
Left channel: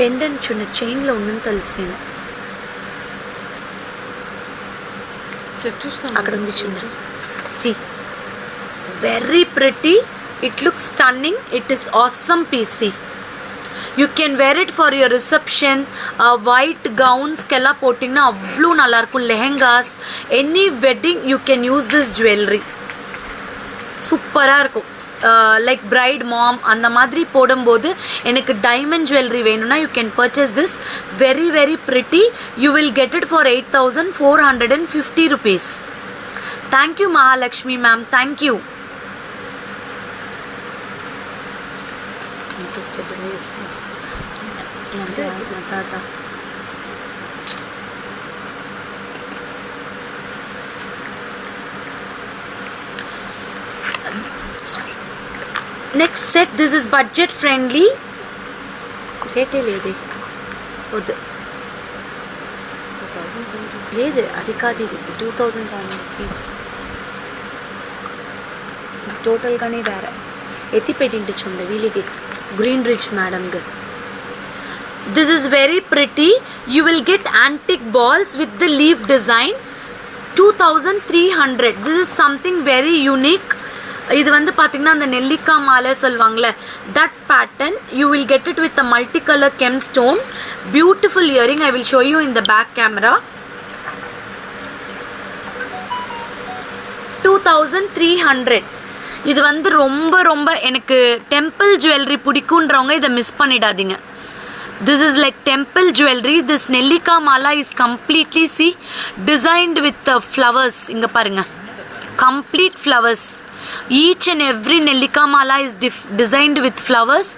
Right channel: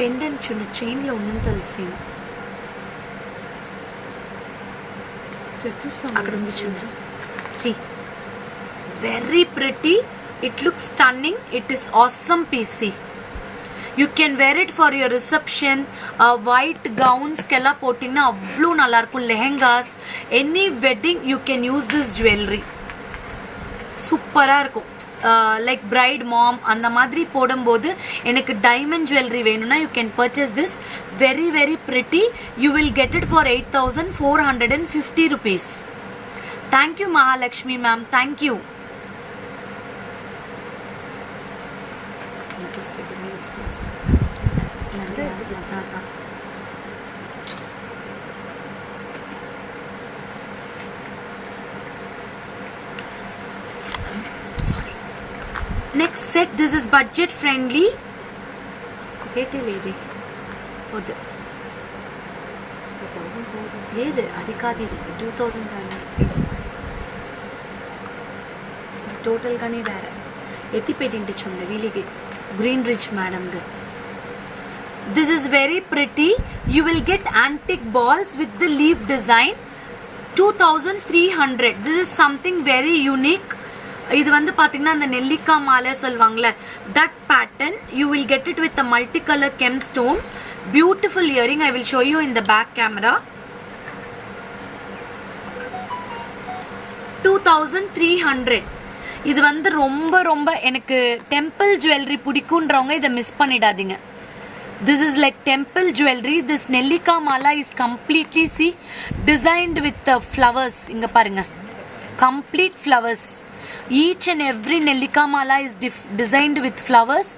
పెండెంట్ చిన్న చైన్లో ఉన్నది తెలిసేను అక్కడ ఉంది చిన్న. See very pretty. It looks stunning. It is awesome piece. See you can wear it for your reception. White gowns kella போட்டிங்கன்னா அவ்வளோ நல்லா இருக்கும். Lehengas, any wedding you can use this jewelry. சூப்பராக இருக்கும். லைக் பிரைட் மாம் அந்த மாதிரி போடும்போது எனக்கு டைமண்ட் ஜுவல்லரி வேணும்னா you can purchase this. Very very pretty. You will get it for 8,450 rupees. Thank you Mahalakshmi ma'am, thank you. Next set, this is budget friendly. రేటే లేదే వద్దు, లేదు అది కాదు, ఇది 2,700 టోటల్గానే వేరే ఎత్తి పెట్టించుండే వీళ్ళకి గ్రీన్ రిచ్ మేడంగా. This is very pretty. You will get antique balls with the leaf design. 2,300. This is something very unique. இது வந்து பார்த்தீங்கன்னா அந்த நெல்லிக்காய் மாலை சொல்லுவாங்களே, that pattern. You will get it with a multi colour gem stone. Beautiful earring. I will show you in the back camera. 2,300. இது வந்து ரொம்ப ரொம்ப எனக்கு டெம்பிள் ஜுவல்லரி பிடிக்குன்றவங்க இதை மிஸ் பண்ணிடாதீங்க. This is like temple jewelry. This Nellika mala is completely designed with flowers. Inga parunga, complete flowers. Each and every Nellika mala is designed with flowers.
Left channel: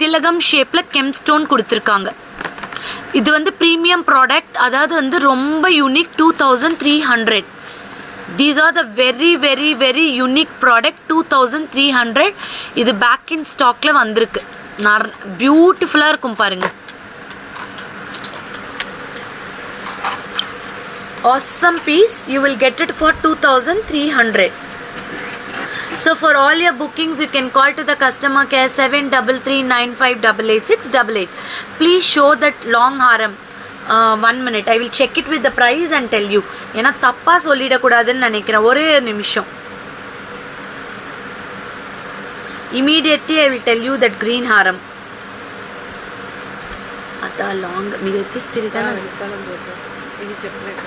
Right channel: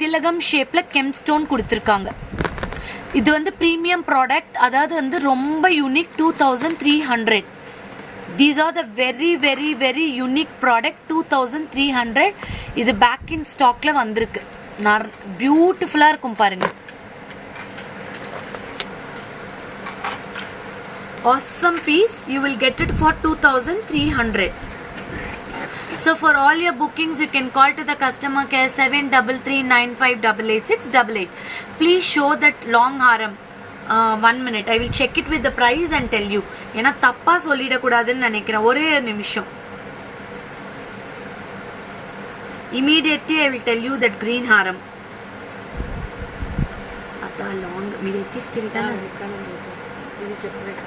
Tilagam shape la gemstone kuduthirukanga. இது வந்து premium product, அதாவது வந்து ரொம்ப unique. 2,300. These are the very very very unique product. 2,300. இது back in stockல வந்திருக்கு. பியூட்டிஃபுல்லாக இருக்கும் பாருங்க. Awesome piece. You will get it for 2,300. So for all your bookings, you can call to the customer care 7339588688. Please show that long haram. 1 minute. I will check it with the price and tell you. ஏன்னா தப்பா சொல்லிடக்கூடாதுன்னு நினைக்கிறேன். ஒரே ஒரு நிமிஷம். Immediately I will tell you that green haram. Ada long mere tistirigana ఇది చెప్పలేక.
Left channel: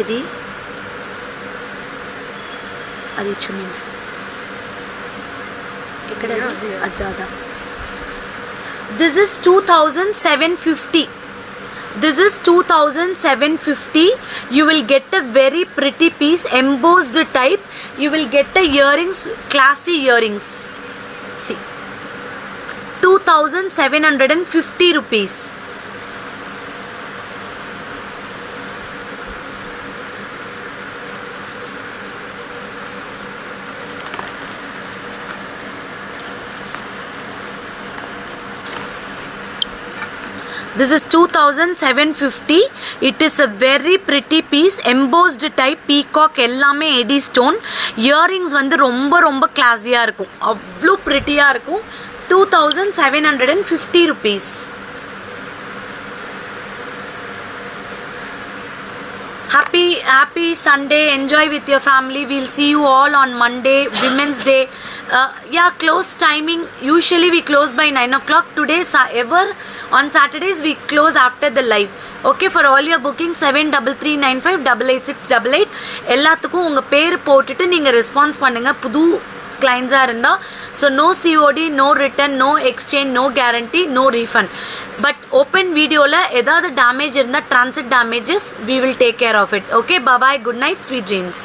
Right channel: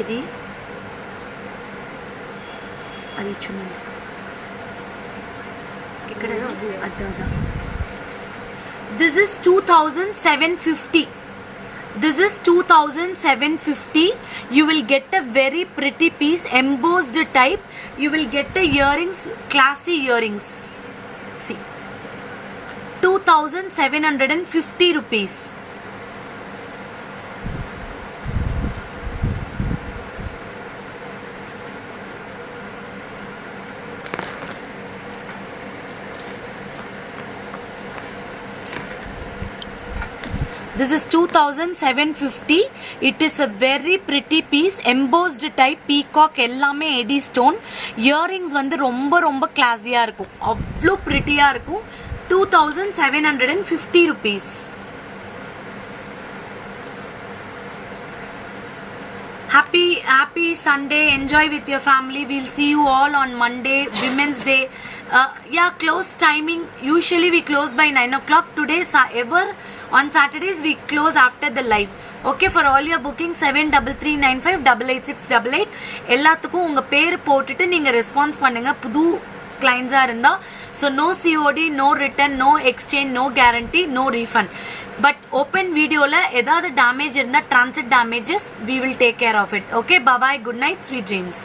ఇది అది చూడండి ఇక్కడ అదా. This is 2,750. This is 2,750. You will get a very pretty piece, embossed type. You will get a earrings, classy earrings. See, 2,750 rupees. This is 2,750. It is a very pretty piece, embossed type, peacock எல்லாமே eddy stone. Earrings வந்து ரொம்ப ரொம்ப கிளாஸியாக இருக்கும், அவ்வளோ ப்ரிட்டியாக இருக்கும். 2,750 rupees. Happy Sunday. Enjoy with your family. We'll see you all on Monday, Women's Day. Yeah, close timing. Usually we close by 9 o'clock. Today, ever on Saturdays we close after the live. Okay, for all your bookings 7339588688. எல்லாத்துக்கும் உங்க பேர் போட்டுட்டு நீங்க response பண்ணுங்க புது கிளைண்ட்ஸா இருந்தா. So no COD, no return, no exchange, no guarantee, no refund. But open வீடியோவில் ஏதாவது டேமேஜ் இருந்தால், transit damages, we will take care of it. Okay, bye bye, good night, sweet dreams.